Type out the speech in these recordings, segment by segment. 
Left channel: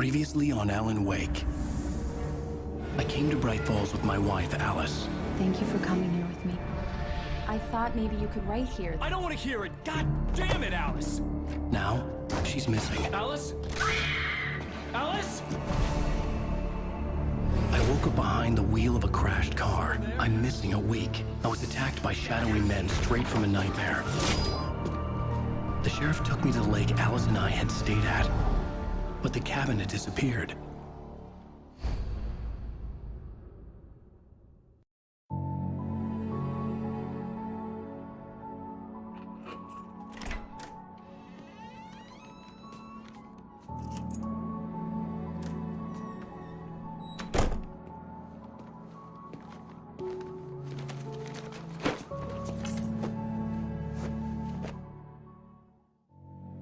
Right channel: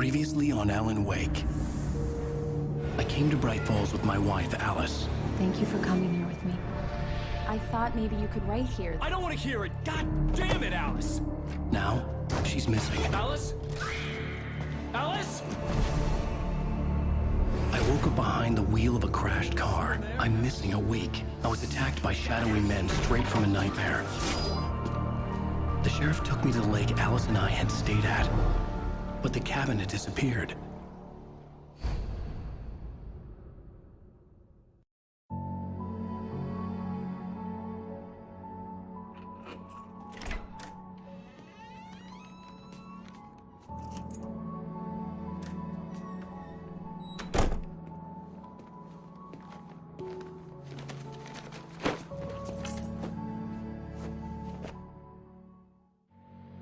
Previously on Alan Wake. I came to Bright Falls with my wife, Alice. Thank you for coming here with me. I thought maybe you could write here. I don't want to hear it! God damn it, Alice! Now, she's missing. Alice? Alice? I woke up behind the wheel of a crashed car. I'm missing a week. I was attacked by shadowy men straight from a nightmare. The sheriff took me to the lake Alice and I had stayed at, but the cabin had disappeared.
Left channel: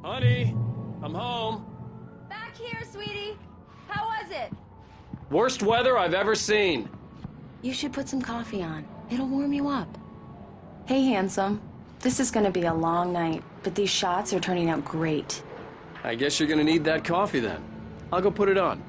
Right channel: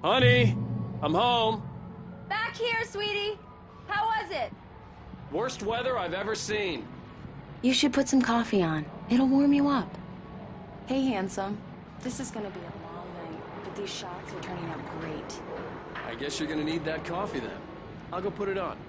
Honey, I'm home. Back here, sweetie. How was it? Worst weather I've ever seen. You should put some coffee on. It'll warm you up. Hey, handsome. This is gonna be a long night, but these shots are turning out great. I guess you're gonna need that coffee then. I'll go put it on.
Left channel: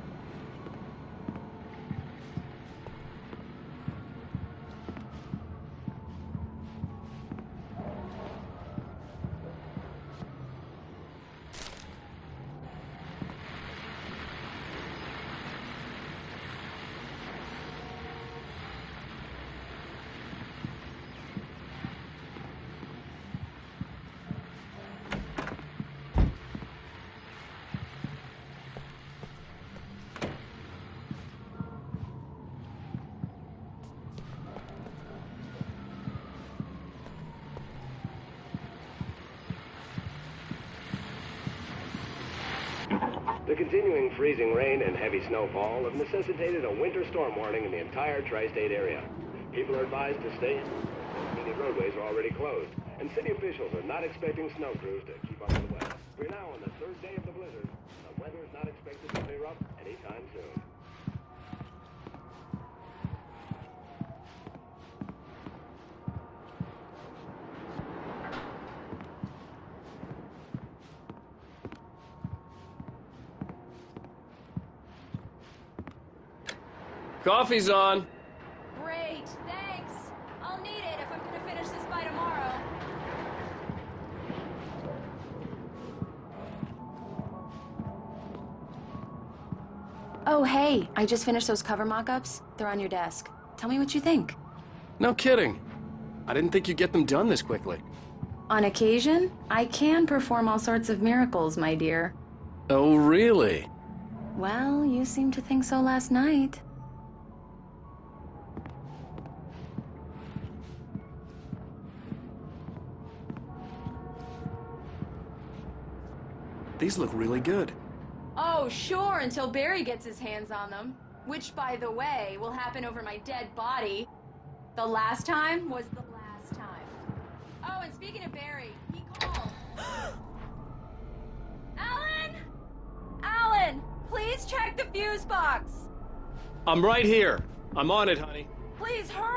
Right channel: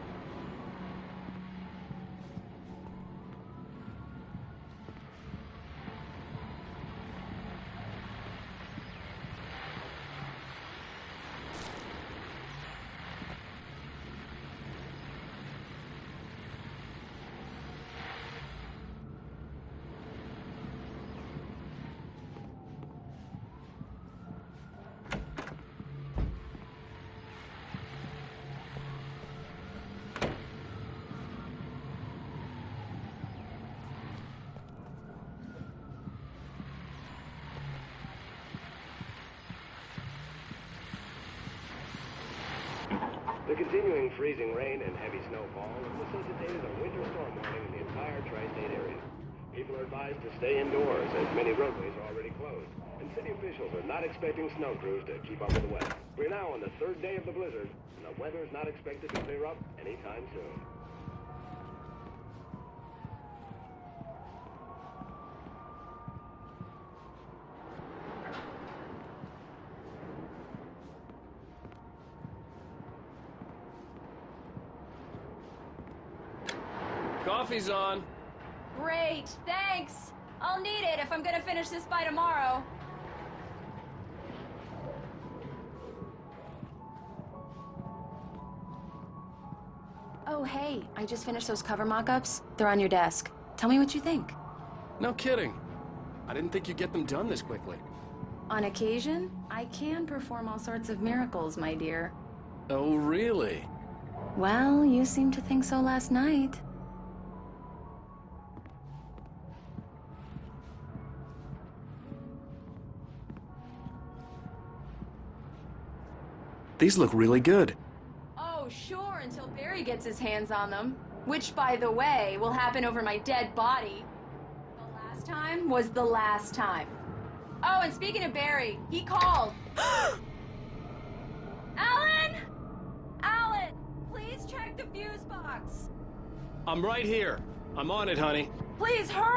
The continuing freezing rain and heavy snowfall have necessitated a winter storm warning in the entire tri-state area. People are advised to stay indoors as many roadways are already closed, and city officials are not expected to keep up the weather. We're now on the third day of the blizzard, and the weather is not expected to clear up. Coffee's on. Great, thanks. I'll need it if I'm gonna finish this by tomorrow. Oh, hey, I just finished those cover mock-ups. They're on your desk. Tell me what you think. No kidding. I didn't think you'd get them done this quickly. On occasion, I can perform all sorts of miracles, my dear. Oh, really? Well, you seemed to think so last night. These look really good. Oh, sure, until Barry gets his hands on them. Which, by the way, will happen over my dead body. The last time was the last time. Oh, and speaking of Barry, he called. Alan! Alan! Please check the fuse box! I'm right here. I'm on it, honey. Please hurry!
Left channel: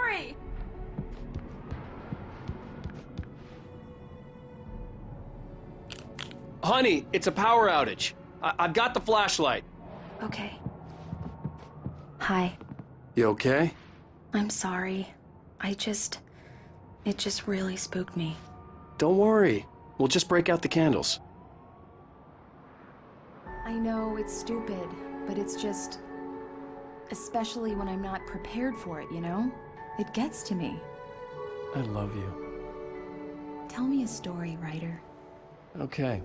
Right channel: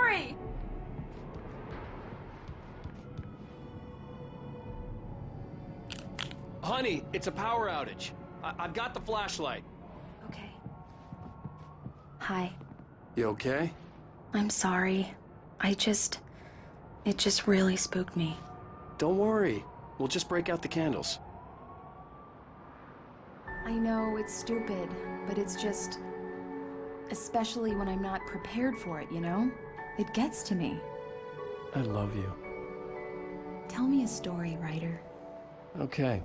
Honey, it's a power outage. I've got the flashlight. Okay. Hi. You okay? I'm sorry. It just really spooked me. Don't worry. We'll just break out the candles. I know it's stupid, but it's just... especially when I'm not prepared for it, you know? It gets to me. I love you. Tell me a story, writer. Okay.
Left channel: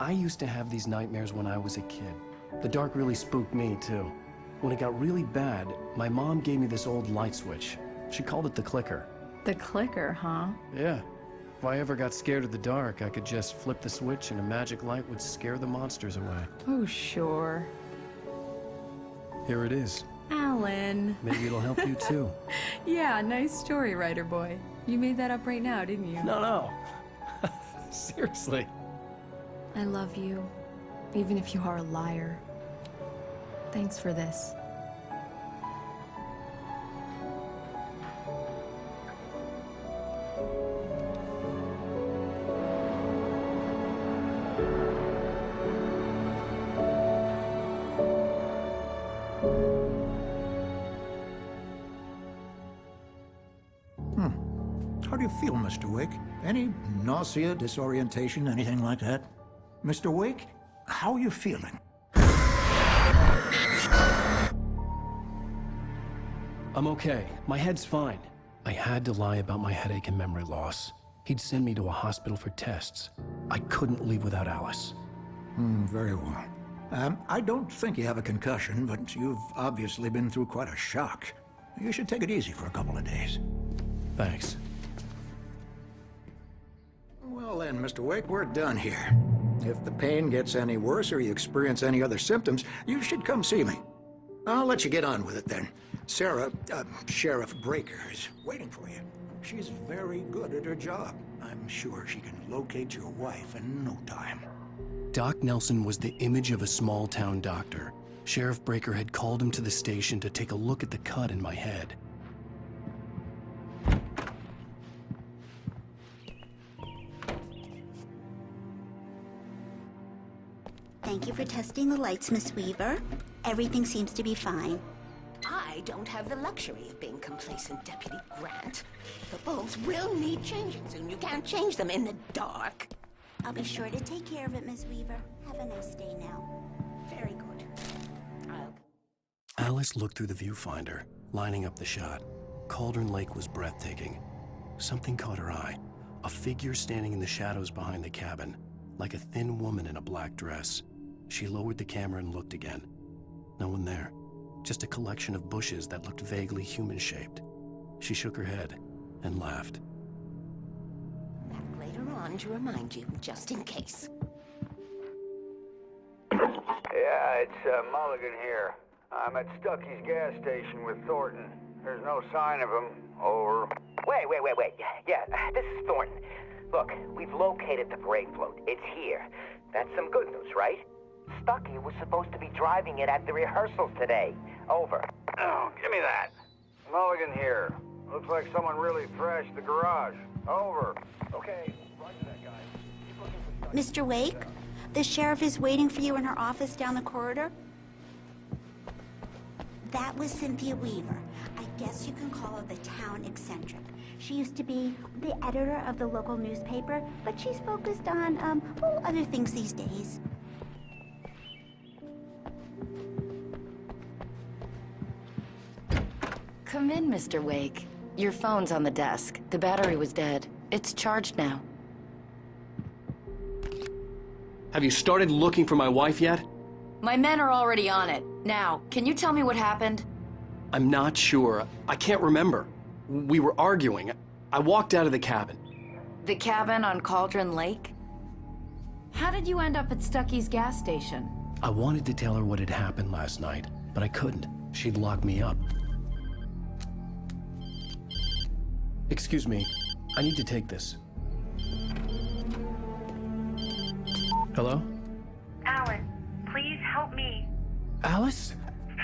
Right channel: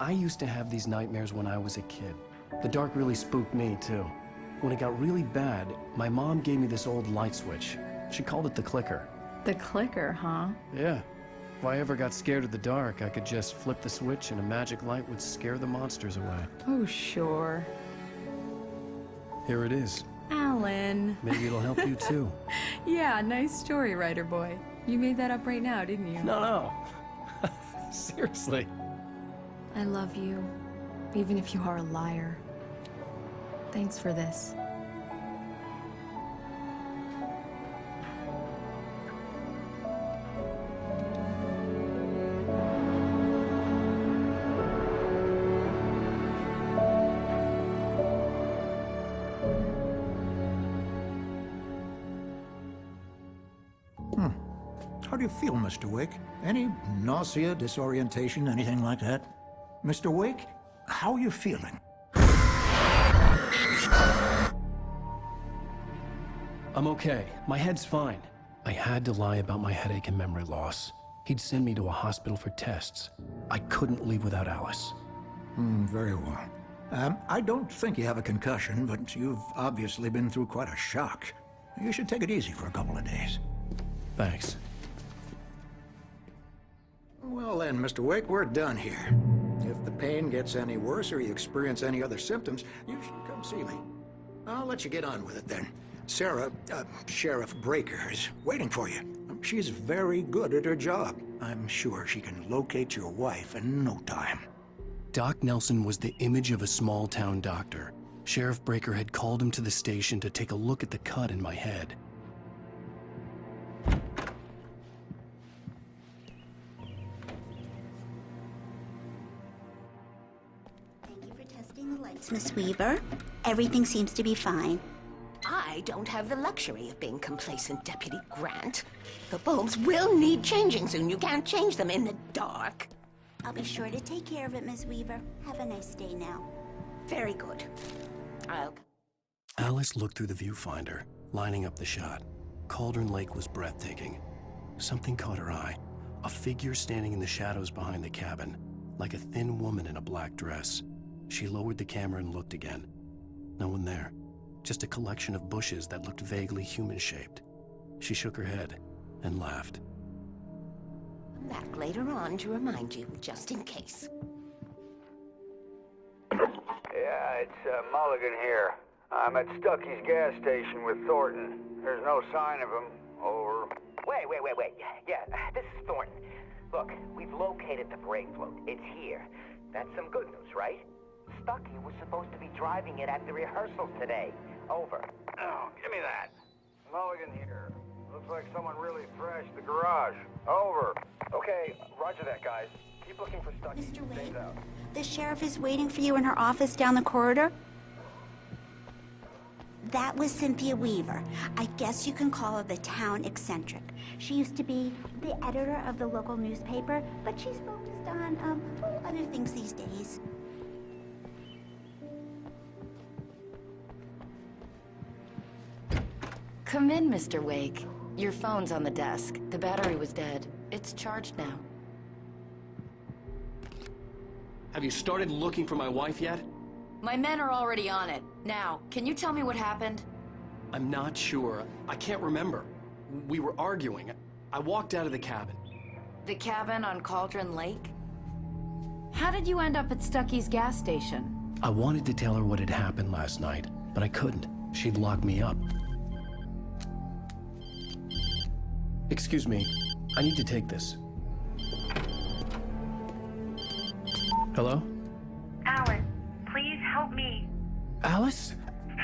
I used to have these nightmares when I was a kid. The dark really spooked me, too. When it got really bad, my mom gave me this old light switch. She called it the clicker. The clicker, huh? Yeah. If I ever got scared of the dark, I could just flip the switch and a magic light would scare the monsters away. Oh, sure. Here it is. Alan. Maybe it'll help you, too. Yeah, nice story, writer boy. You made that up right now, didn't you? No. Seriously. I love you, even if you are a liar. Thanks for this. do you feel, Mr. Wake? Any nausea, disorientation, anything like that? Mr. Wake, how are you feeling? I'm okay. My head's fine. I had to lie about my headache and memory loss. He'd send me to a hospital for tests. I couldn't leave without Alice. Very well. I don't think you have a concussion, but you've obviously been through quite a shock. You should take it easy for a couple of days. Thanks. Well then, Mr. Wake, we're done here. If the pain gets any worse or you experience any other symptoms, you should come see me. I'll let you get on with it then. Sarah, Sheriff Breaker is waiting for you. She's very good at her job. I'm sure she can locate your wife in no time. Doc Nelson was the image of a small-town doctor. Sheriff Breaker had called him to the station to take a look at the cut in my head. Thank you for testing the lights, Miss Weaver. Everything seems to be fine. I don't have the luxury of being complacent, Deputy Grant. The bulbs will need changing soon. You can't change them in the dark. Take care of it, Miss Weaver. Have a nice day now. Very good. I'll... Alice looked through the viewfinder, lining up the shot. Cauldron Lake was breathtaking. Something caught her eye. A figure standing in the shadows behind the cabin, like a thin woman in a black dress. She lowered the camera and looked again. No one there. Just a collection of bushes that looked vaguely human-shaped. She shook her head and laughed. Back later on, just in case. Yeah, it's Mulligan here. I'm at Stucky's gas station with Thornton. There's no sign of him. Over. Wait. Yeah, this is Thornton. Look, we've located the parade float. It's here. That's some good news, right? Stucky was supposed to be driving it at the rehearsals today. Over. Oh, give me that. Mulligan here. Looks like someone really trashed the garage. Over. Okay, roger that, guys. Keep looking for Stucky. Mr. Wake, the sheriff is waiting for you in her office down the corridor. That was Cynthia Weaver. I guess you can call her the town eccentric. She's focused on, other things these days. Come in, Mr. Wake. Your phone's on the desk. The battery was dead. It's charged now. Have you started looking for my wife yet? My men are already on it. Now, can you tell me what happened? I'm not sure. I can't remember. We were arguing. I walked out of the cabin. The cabin on Cauldron Lake? How did you end up at Stucky's gas station? I wanted to tell her what had happened last night, but I couldn't. She'd lock me up. Excuse me. I need to take this. Hello? Alan, please help me. Alice?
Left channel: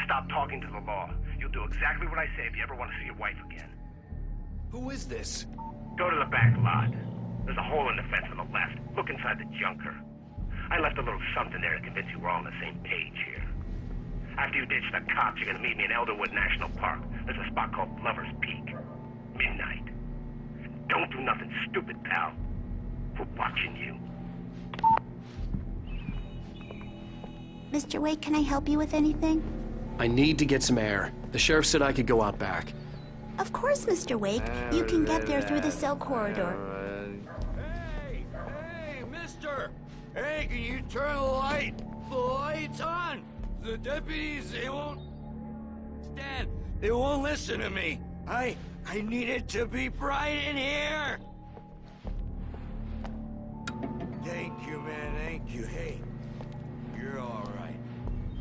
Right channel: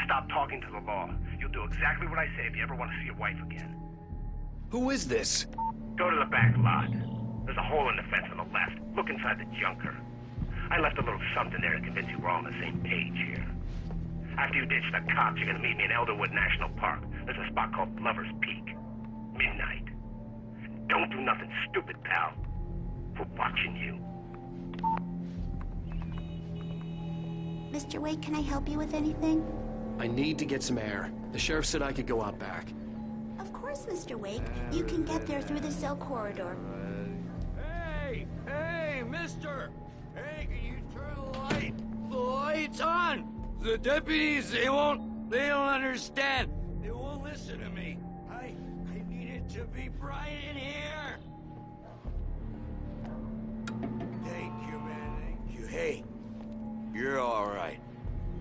Stop talking to the law. You'll do exactly what I say if you ever want to see your wife again. Who is this? Go to the back lot. There's a hole in the fence on the left. Look inside the junker. I left a little something there to convince you we're all on the same page here. After you ditch the cops, you're gonna meet me in Elderwood National Park. There's a spot called Lover's Peak. Midnight. Don't do nothing stupid, pal. We're watching you. Mr. Wake, can I help you with anything? I need to get some air. The sheriff said I could go out back. Of course, Mr. Wake. You can get there through the cell corridor. Hey, mister! Hey, can you turn the lights on? The deputies, they don't understand. They won't listen to me. I need it to be bright in here. Thank you, man, thank you. Hey, you're all right.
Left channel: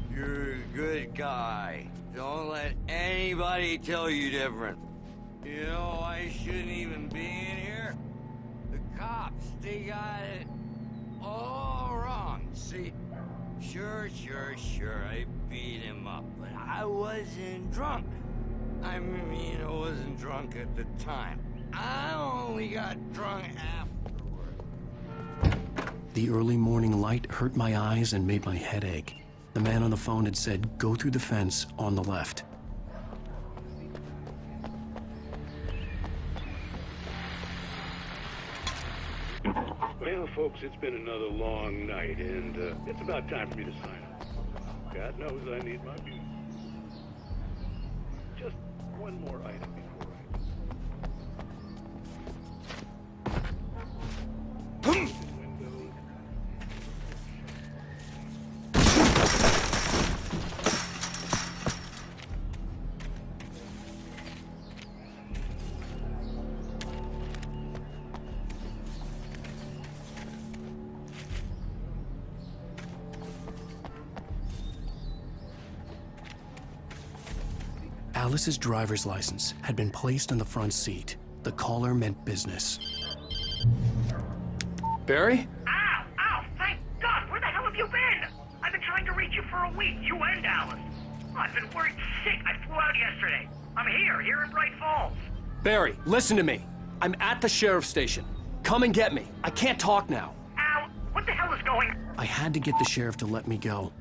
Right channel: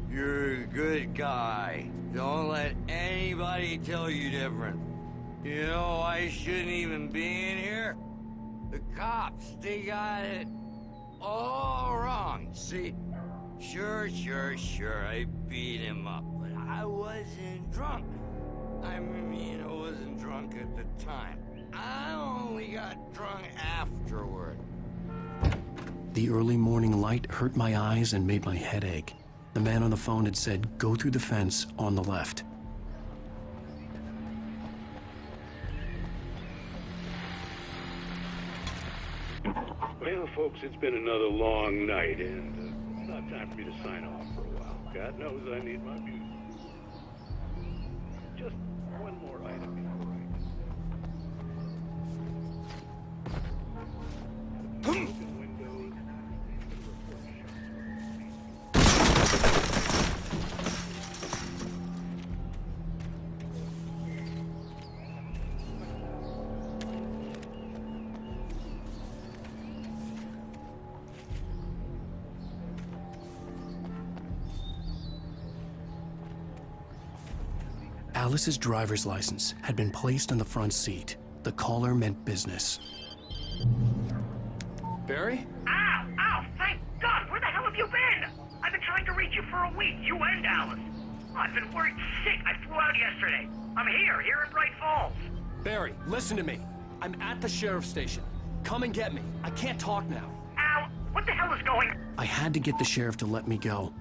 You're a good guy. Don't let anybody tell you different. You know, I shouldn't even be in here. The cops, they got it all wrong. See, sure, I beat him up, but I wasn't drunk. I mean, I wasn't drunk at the time. I only got drunk afterward. The early morning light hurt my eyes and made my head ache. The man on the phone had said, go through the fence on the left. folks, it's been another long night, and it's about time to sign off. Alice's driver's license had been placed on the front seat. The caller meant business. Barry? Ow! Ow! Thank God! Where the hell have you been? I've been trying to reach you for a week, you and Alice. I've been worried sick. I flew out yesterday. I'm here in Bright Falls. Barry, listen to me. I'm at the sheriff's station. Come and get me. I can't talk now. Al, what the hell is going on? I had to get the sheriff to let me go.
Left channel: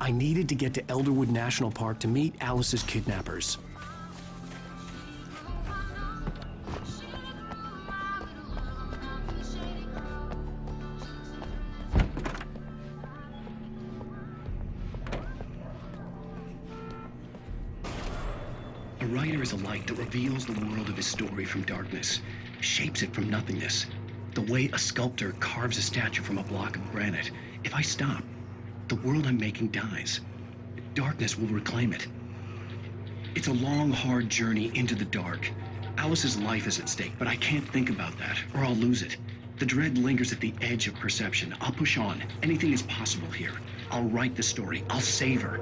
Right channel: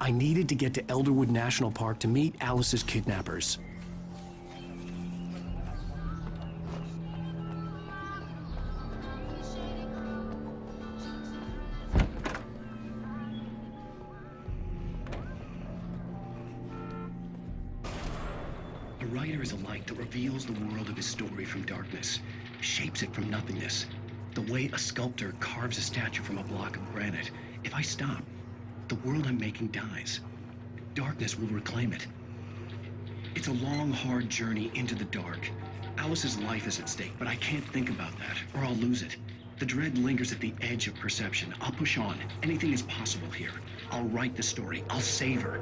I needed to get to Elderwood National Park to meet Alice's kidnappers. A writer is a light that reveals the world of his story from darkness, shapes it from nothingness. The way a sculptor carves a statue from a block of granite. If I stop, the world I'm making dies. Darkness will reclaim it. It's a long, hard journey into the dark. Alice's life is at stake, but I can't think about that, or I'll lose it. The dread lingers at the edge of perception. I'll push on. Anything is possible here. I'll write the story. I'll save her.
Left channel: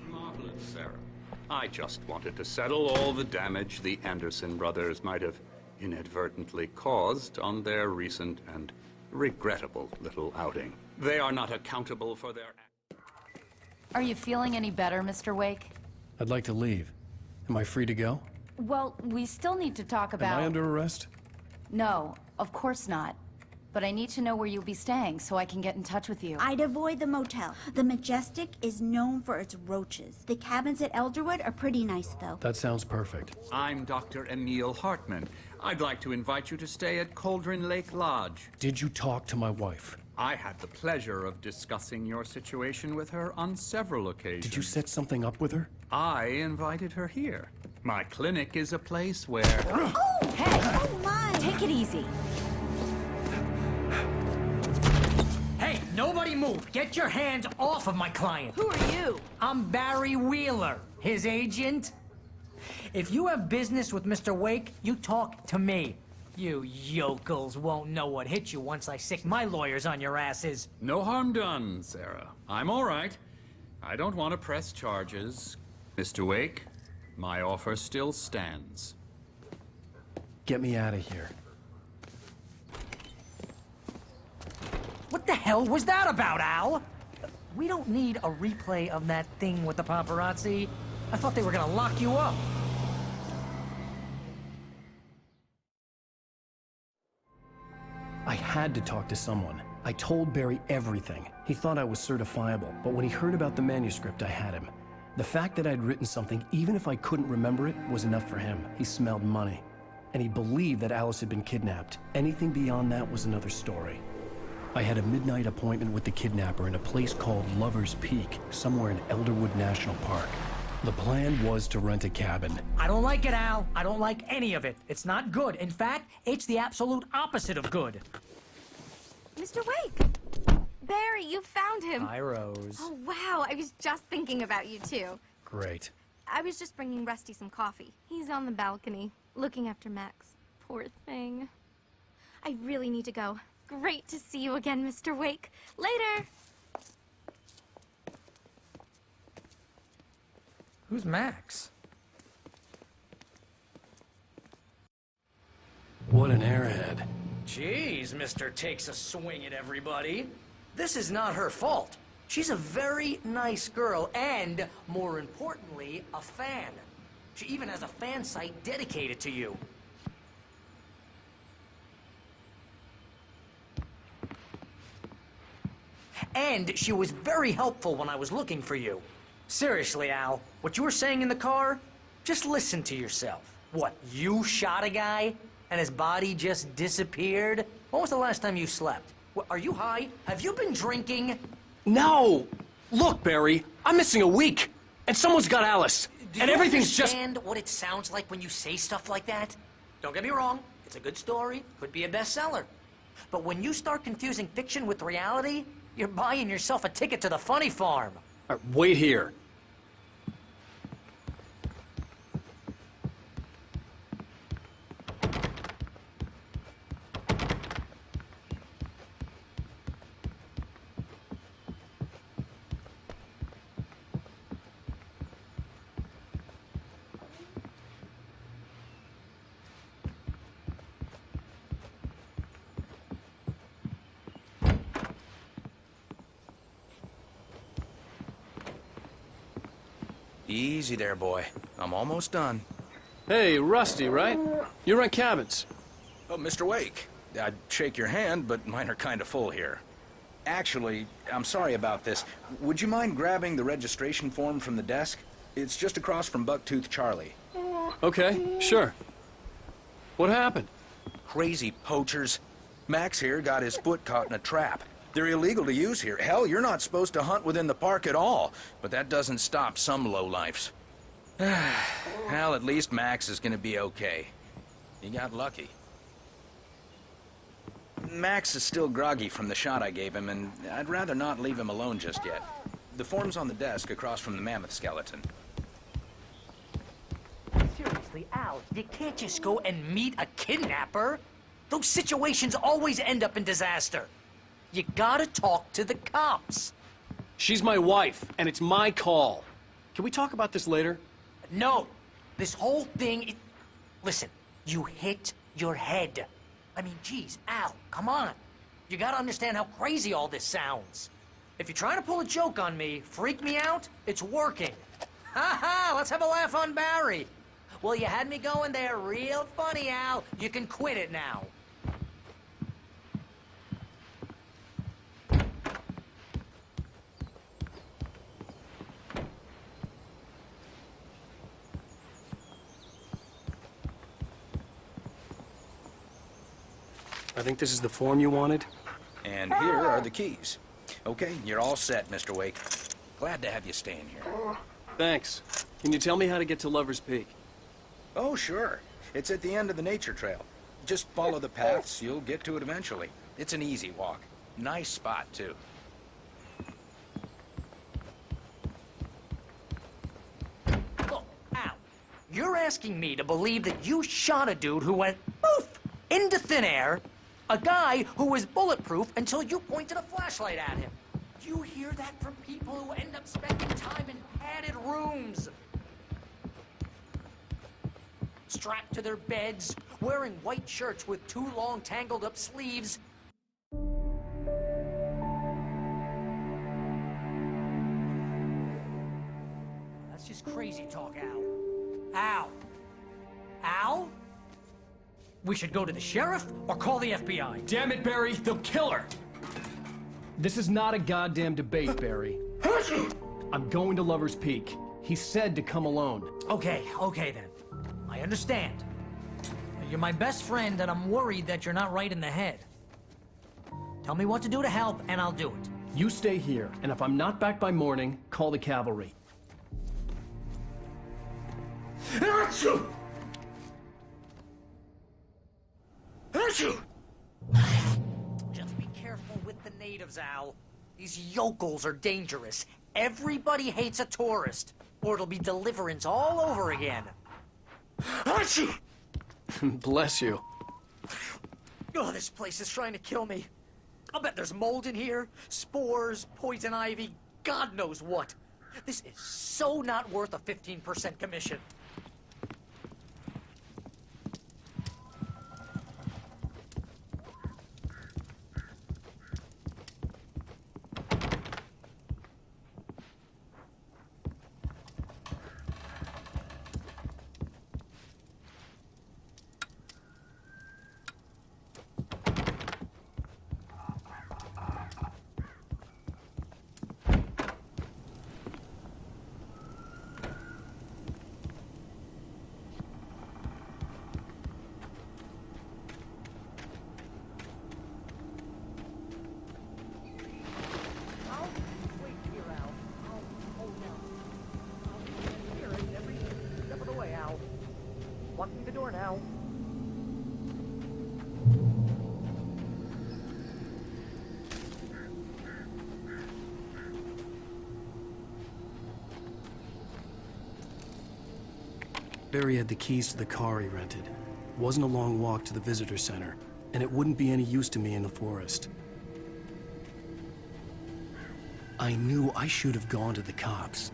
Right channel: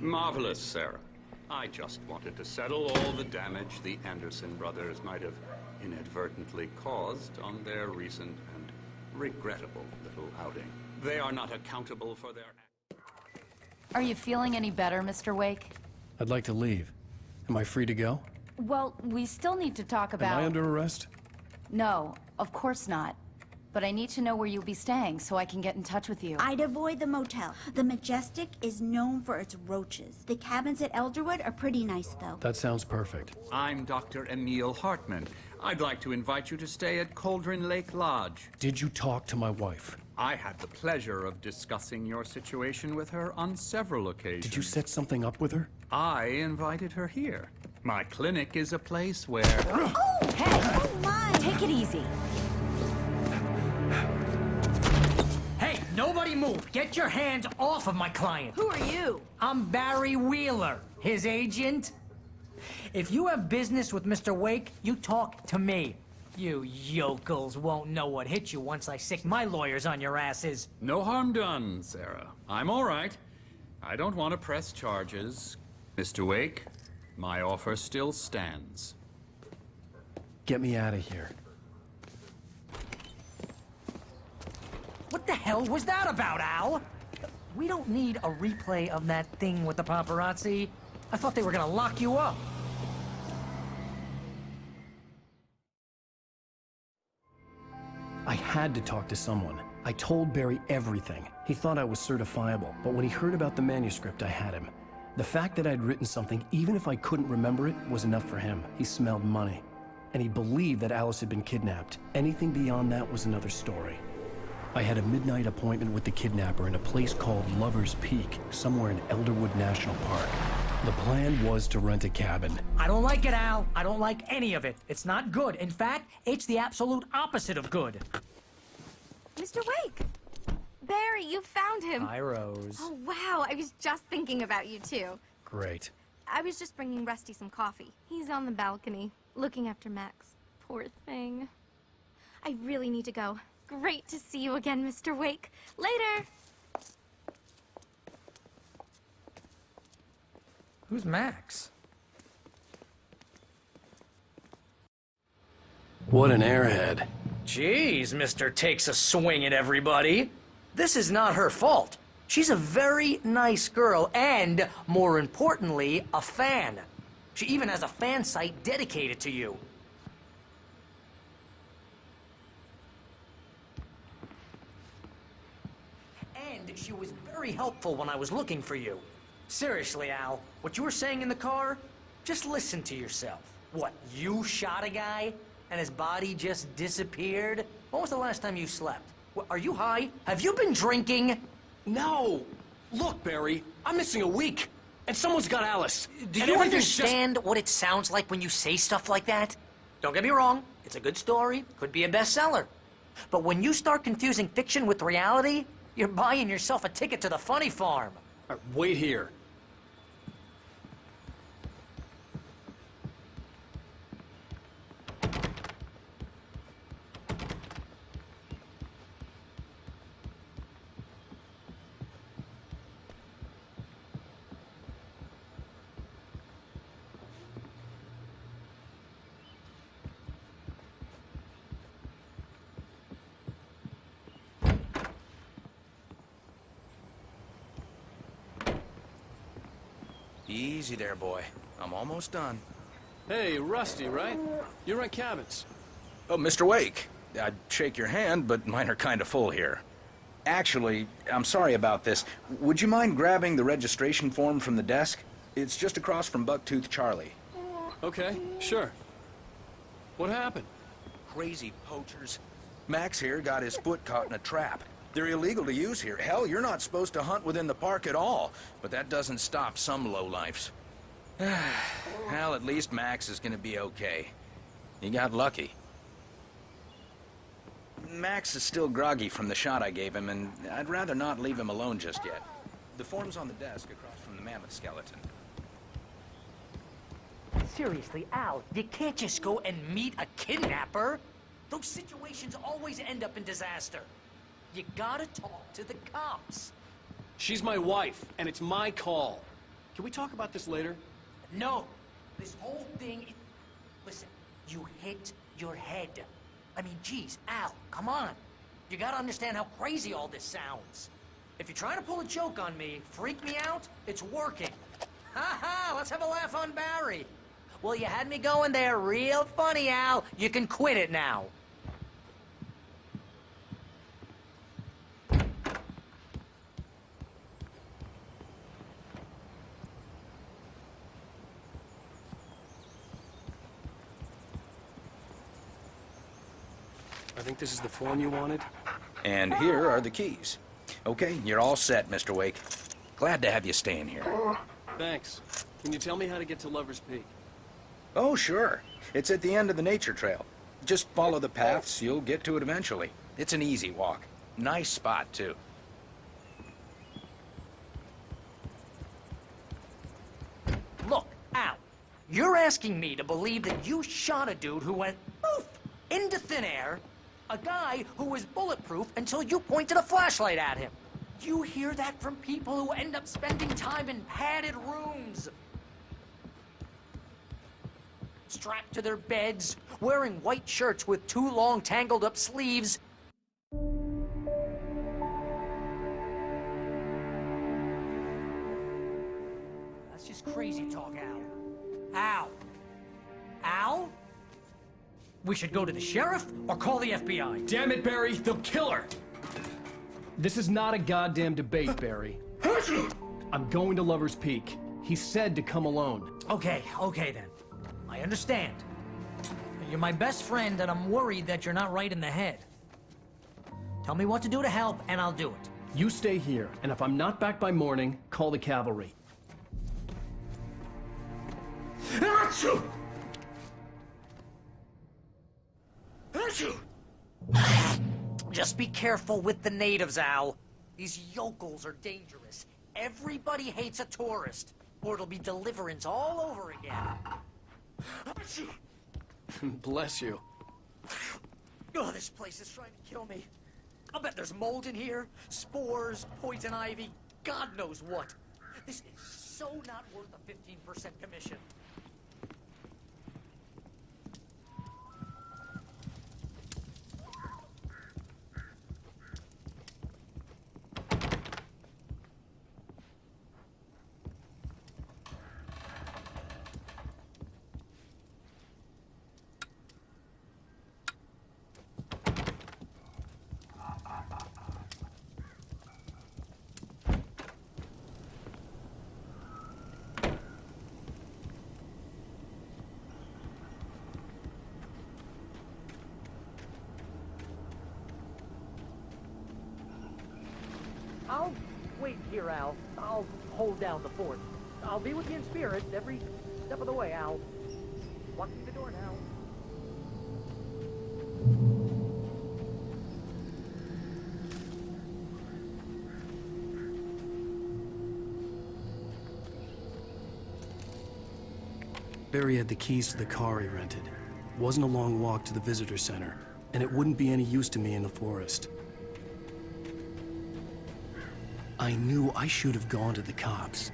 Marvelous, Sarah. I just wanted to settle all the damage the Anderson brothers might have inadvertently caused on their recent and regrettable little outing. They are not accountable for their actions. Are you feeling any better, Mr. Wake? I'd like to leave. Am I free to go? Well, we still need to talk about... Am I under arrest? No, of course not. But I need to know where you'll be staying so I can get in touch with you. I'd avoid the motel. The Majestic is known for its roaches. The cabins at Elderwood are pretty nice, though. That sounds perfect. I'm Dr. Emil Hartman. I'd like to invite you to stay at Cauldron Lake Lodge. Did you talk to my wife? I had the pleasure of discussing your situation with her on several occasions. Did you set something up with her? I invited her here. My clinic is a place where... Oh! Hey! Oh, my! Take it easy. Hey, nobody move! Get your hands off of my client! Who are you? I'm Barry Wheeler, his agent. If you have business with Mr. Wake, you talk to me. You yokels won't know what hit you once I sick my lawyers on your asses. No harm done, Sarah. I'm all right. I don't want to press charges. Mr. Wake, my offer still stands. Get me out of here. What the hell was that about, Al? We don't need a replay of that thing with the paparazzi. I thought they were gonna lock you up. I had to talk to someone. I told Barry everything. He thought I was certifiable, but when he heard about the manuscript, I had him. The fact that I'd written something, even if I couldn't remember it, was enough for him. He smelled money. And he believed that Alice had been kidnapped. Anything beyond that was another story. I had a midnight appointment with the kidnapper in a place called Lover's Peak, somewhere in Elderwood National Park. The plan was to rent a cabin. I don't like it, Al. I don't like any of it. It's not good. In fact, it's the absolute opposite of good. Mr. Wake! Barry, you found him! Hi, Rose. Oh, wow. I was just thinking about you, too. Great. I was just bringing Rusty some coffee. He's on the balcony, looking after Max. Poor thing. I really need to go. Great to see you again, Mr. Wake. Later! Who's Max? What an airhead. Jeez, Mr. Takes a swing at everybody. This is not her fault. She's a very nice girl and, more importantly, a fan. She even has a fan site dedicated to you. And she was very helpful when I was looking for you. Seriously, Al, what you were saying in the car, just listen to yourself. What, you shot a guy? and his body just disappeared? When was the last time you slept? Are you high? Have you been drinking? No! Look, Barry, I'm missing a week, and someone's got Alice. Do and you everything's understand what it sounds like when you say stuff like that? Don't get me wrong, it's a good story, could be a bestseller. But when you start confusing fiction with reality, you're buying yourself a ticket to the funny farm. Wait here. Easy there, boy. I'm almost done. Hey, Rusty, right? You rent cabins. Oh, Mr. Wake. I'd shake your hand, but mine are kind of full here. Actually, I'm sorry about this. Would you mind grabbing the registration form from the desk? It's just across from Bucktooth Charlie. Okay, sure. What happened? Crazy poachers. Max here got his foot caught in a trap. They're illegal to use here. Hell, you're not supposed to hunt within the park at all. But that doesn't stop some lowlifes. Well, at least Max is gonna be okay. You got lucky. Max is still... I'd rather not leave him out just yet. The form's on the desk across from the mammoth skeleton. Seriously, Al, you can't just go and meet a kidnapper. Those situations always end up in disaster. You gotta talk to the cops. She's my wife, and it's my call. Can we talk about this later? No. This whole thing... Listen, you hit your head. I mean, geez, Al, come on. You gotta understand how crazy all this sounds. If you're trying to pull a joke on me, freak me out, it's working. Ha ha, let's have a laugh on Barry. Well, you had me going there real funny, Al. You can quit it now. I think this is the form you wanted. And here are the keys. Okay, you're all set, Mr. Wake. Glad to have you staying here. Thanks. Can you tell me how to get to Lover's Peak? Oh, sure. It's at the end of the nature trail. Just follow the paths, you'll get to it eventually. It's an easy walk. Nice spot, too. Look, Al, you're asking me to believe that you shot a dude who went poof into thin air, a guy who was bulletproof until you pointed a flashlight at him. You hear that from people who end up spending time in padded rooms, strapped to their beds, wearing white shirts with too long tangled up sleeves. That's just crazy talk, Al. Al? Al? We should go to the sheriff or call the FBI. Damn it, Barry, they'll kill her! This is not a goddamn debate, Barry. I'm going to Lover's Peak. He said to come alone. Okay then. I understand. You're my best friend, and I'm worried that you're not right in the head. Tell me what to do to help, and I'll do it. You stay here, and if I'm not back by morning, call the cavalry. Achoo! Just be careful with the natives, Al. These yokels are dangerous. Everybody hates a tourist, or it'll be deliverance all over again. Bless you. Oh, this place is trying to kill me. I'll bet there's mold in here, spores, poison ivy, God knows what. This is so not worth a 15% commission. hold down the fort. I'll be with you in spirit every step of the way, Al. Walk through the door now. Barry had the keys to the car he rented. Wasn't a long walk to the visitor center, and it wouldn't be any use to me in the forest. I knew I should have gone to the cops.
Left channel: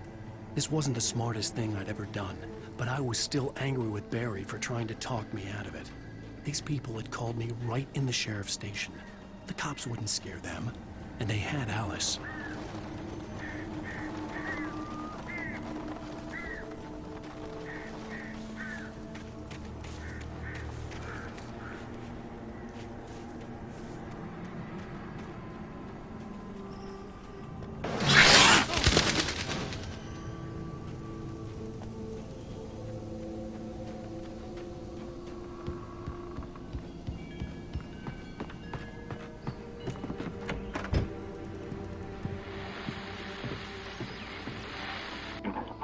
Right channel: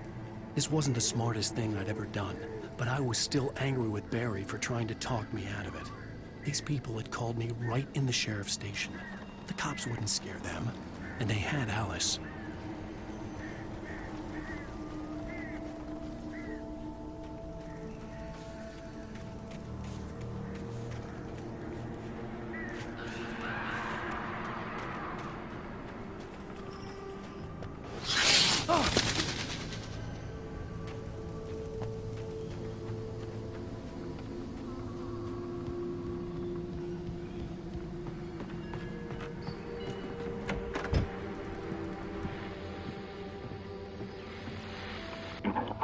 This wasn't the smartest thing I'd ever done, but I was still angry with Barry for trying to talk me out of it. These people had called me right in the sheriff's station. The cops wouldn't scare them, and they had Alice.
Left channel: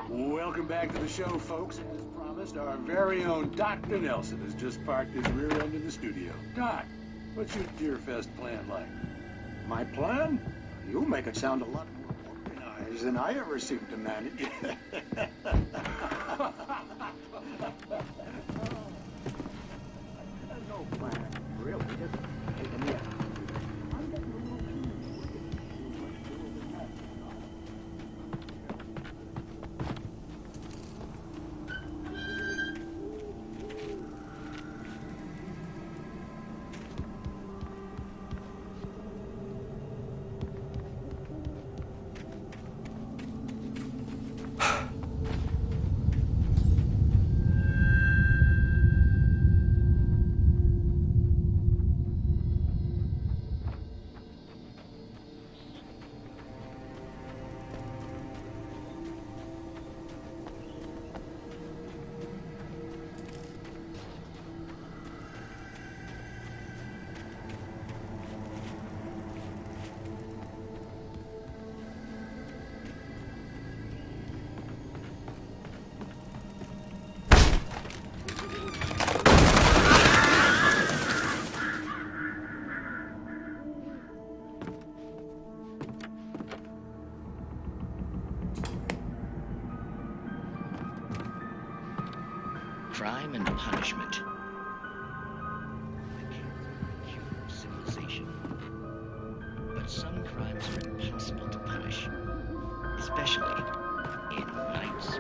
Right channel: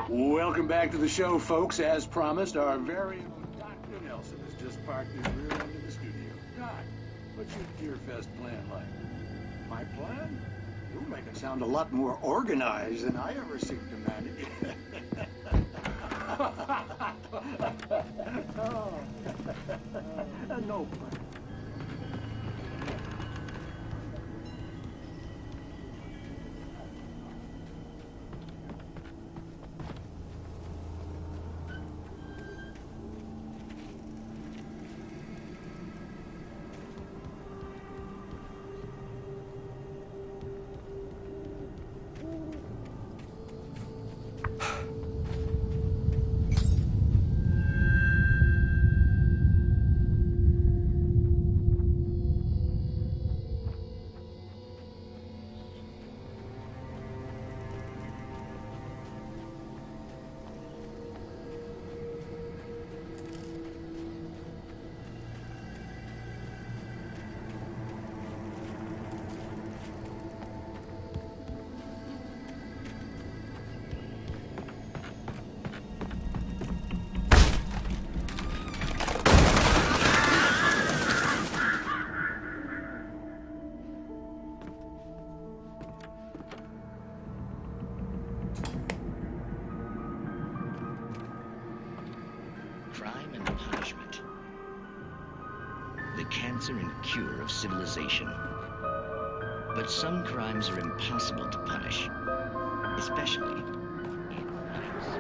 Welcome back to the show, folks. As promised, our very own Dr. Nelson has just parked his rear end in the studio. Doc, what's your Deer Fest plan like? My plan? You make it sound a lot more organized than I ever seem to manage. No plan, really. Crime and punishment. The cancer and cure of civilization. But some crimes are impossible to punish, especially in nights.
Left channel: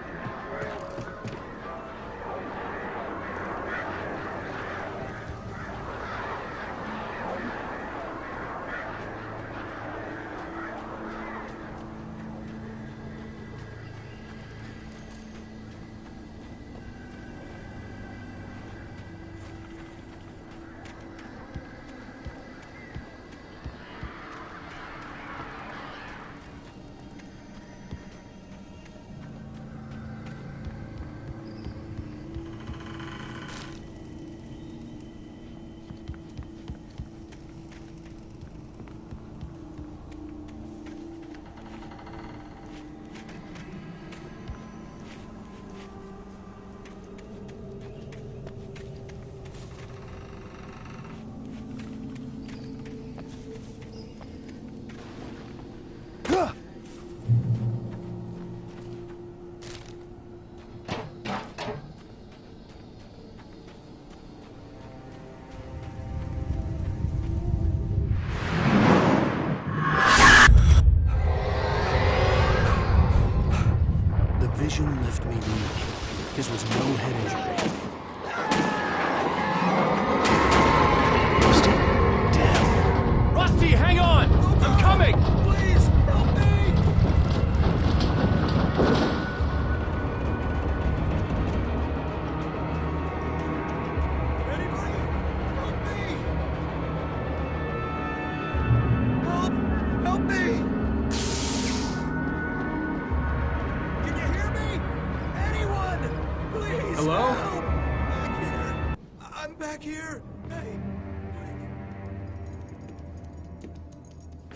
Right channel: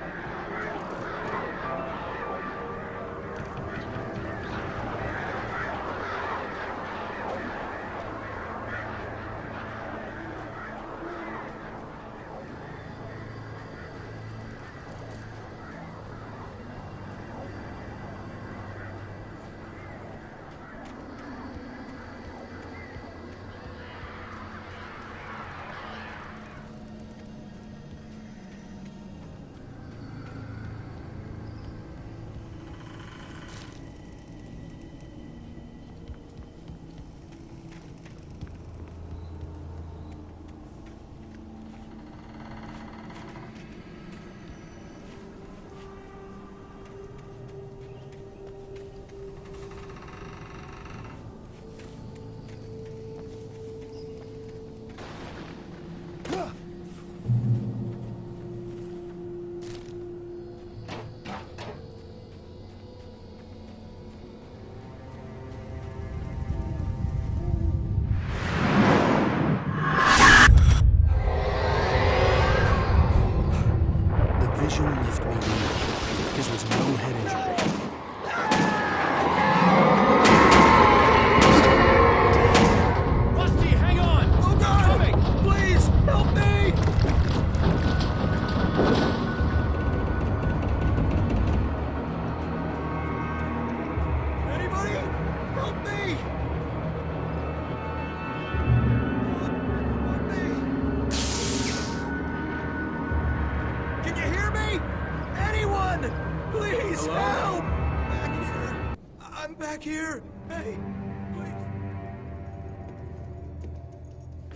Vision left me weak. His was no head injury. Rusty, hang on! I'm coming! Please, help me! Anybody? Help me! Help me! Can you hear me? Anyone! Please Hello? help! Back here! I'm back here! Hey, please!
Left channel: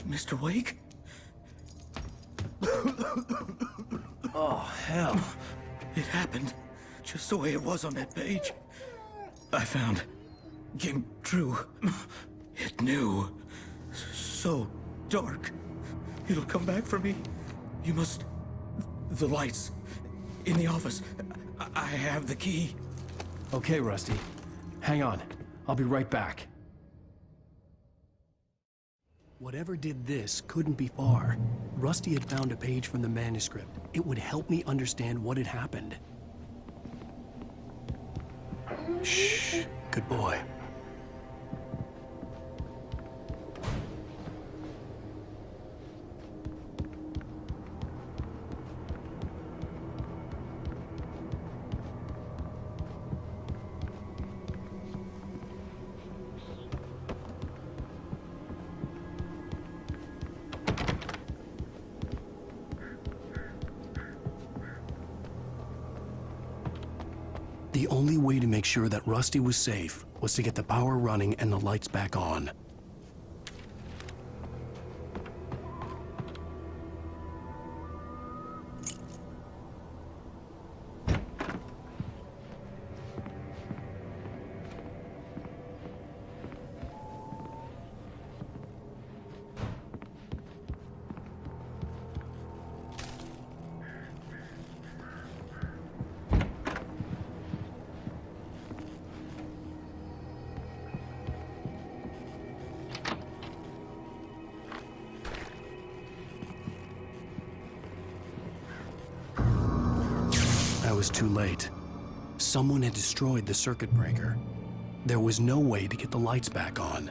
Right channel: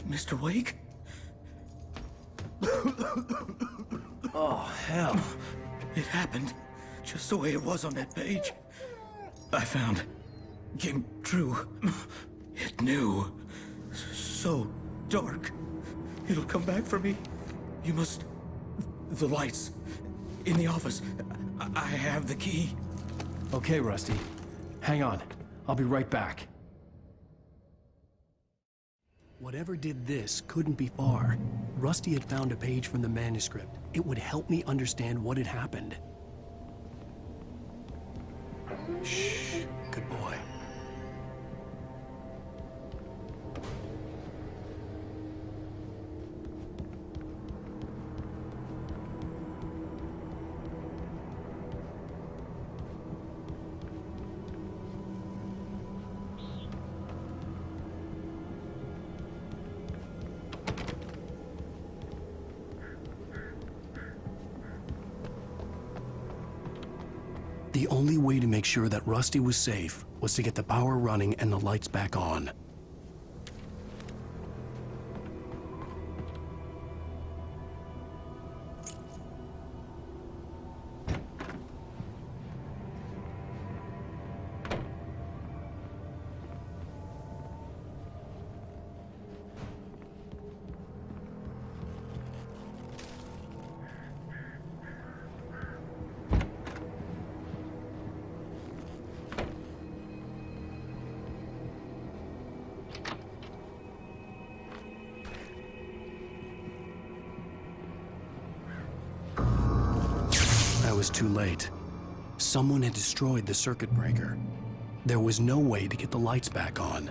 Mr. Wake? Oh, hell. It happened just the way it was on that page. I found. Came true. It knew. So dark. It'll come back for me. You must... The lights. In the office. I have the key. Okay, Rusty. Hang on. I'll be right back. Whatever did this couldn't be far. Rusty had found a page from the manuscript. It would help me understand what had happened. Shh. Good boy. The only way to make sure that Rusty was safe was to get the power running and the lights back on. I was too late. Someone had destroyed the circuit breaker. There was no way to get the lights back on.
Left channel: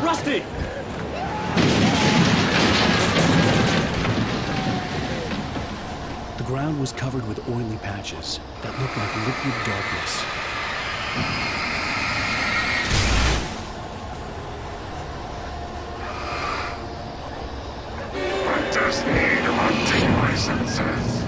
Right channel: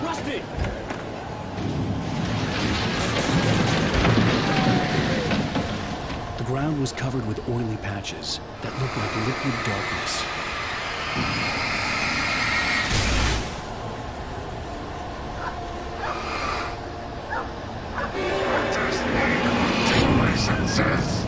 Rusty! The ground was covered with oily patches that looked like liquid darkness. Hunters need hunting licenses.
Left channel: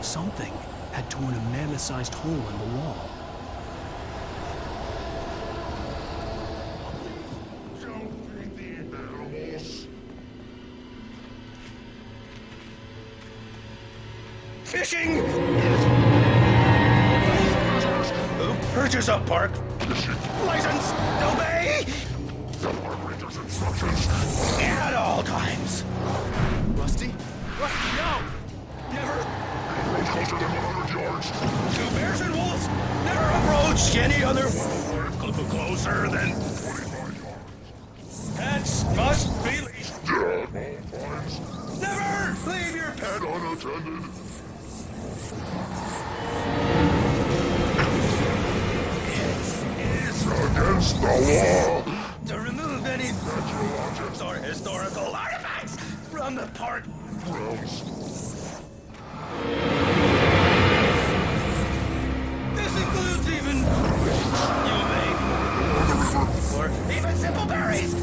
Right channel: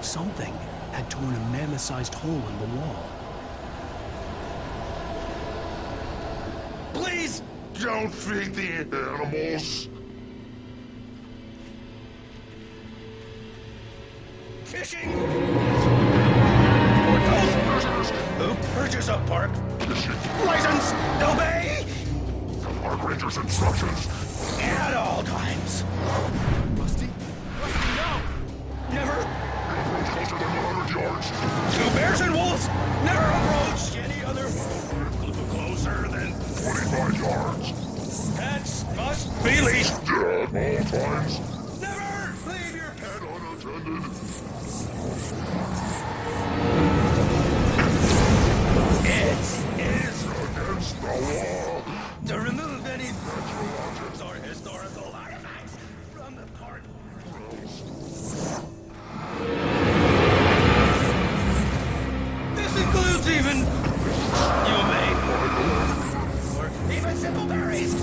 Something had torn a mammoth-sized hole in the wall. Please don't feed the animals. Fishing! For those visitors who purchase a park license, obey the park ranger's instructions at all times. Rusty? Rusty, no! Never approach closer than 100 yards. To bears and wolves, never approach any other closer than 25 yards. Pets must be leashed. At all times. Never leave your pet unattended. It is against the law to remove any natural objects or historical artifacts from the park grounds. This includes even you may, or even simple berries.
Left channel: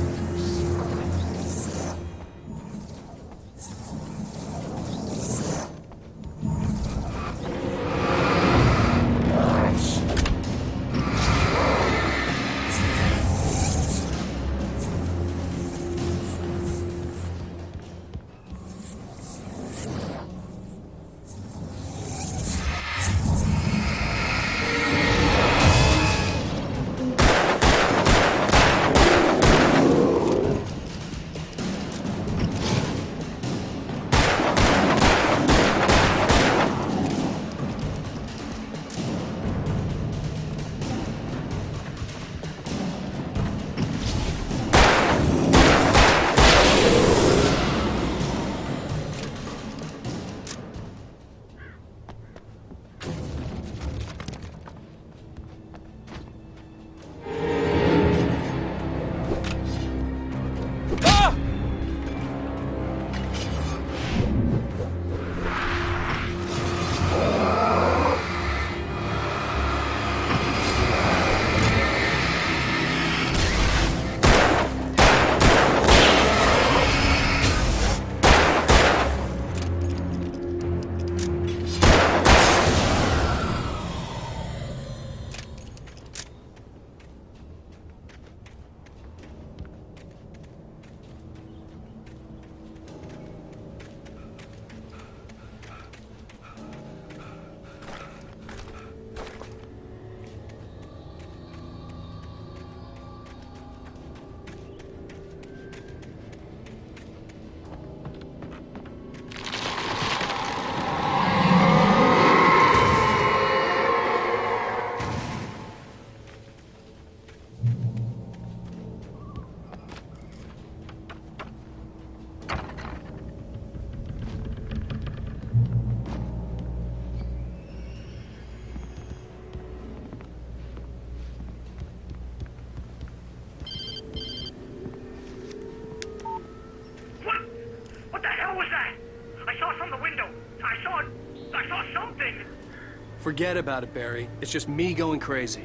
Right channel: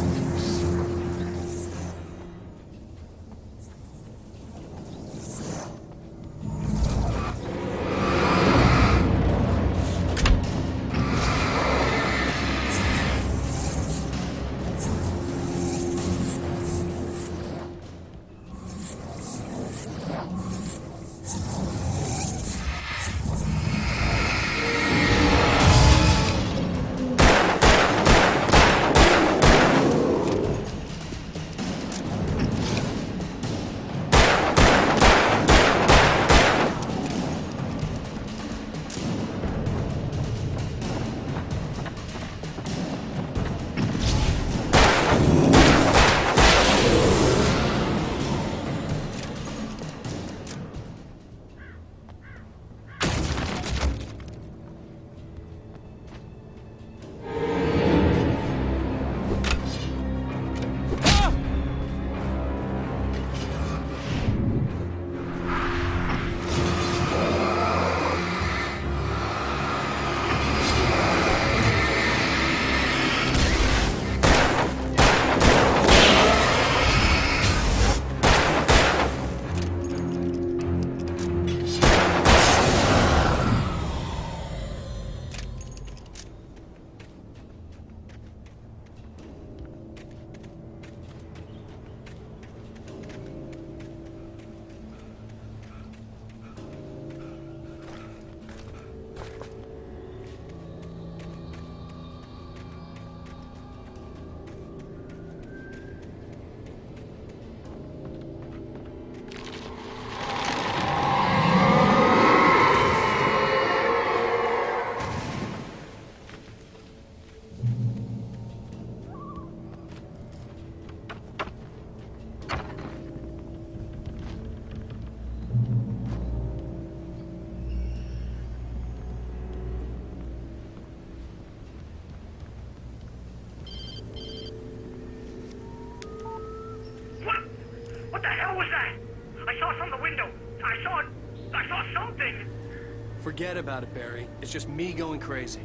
Forget about it, Barry. It's just me going crazy.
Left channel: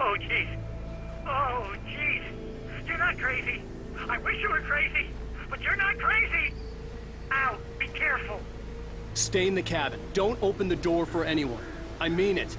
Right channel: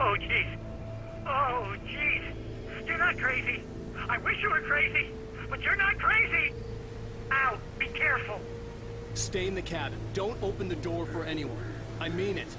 Oh, jeez. Oh, jeez. You're not crazy. I wish you were crazy, but you're not crazy. Ow, be careful. Stay in the cabin. Don't open the door for anyone. I mean it.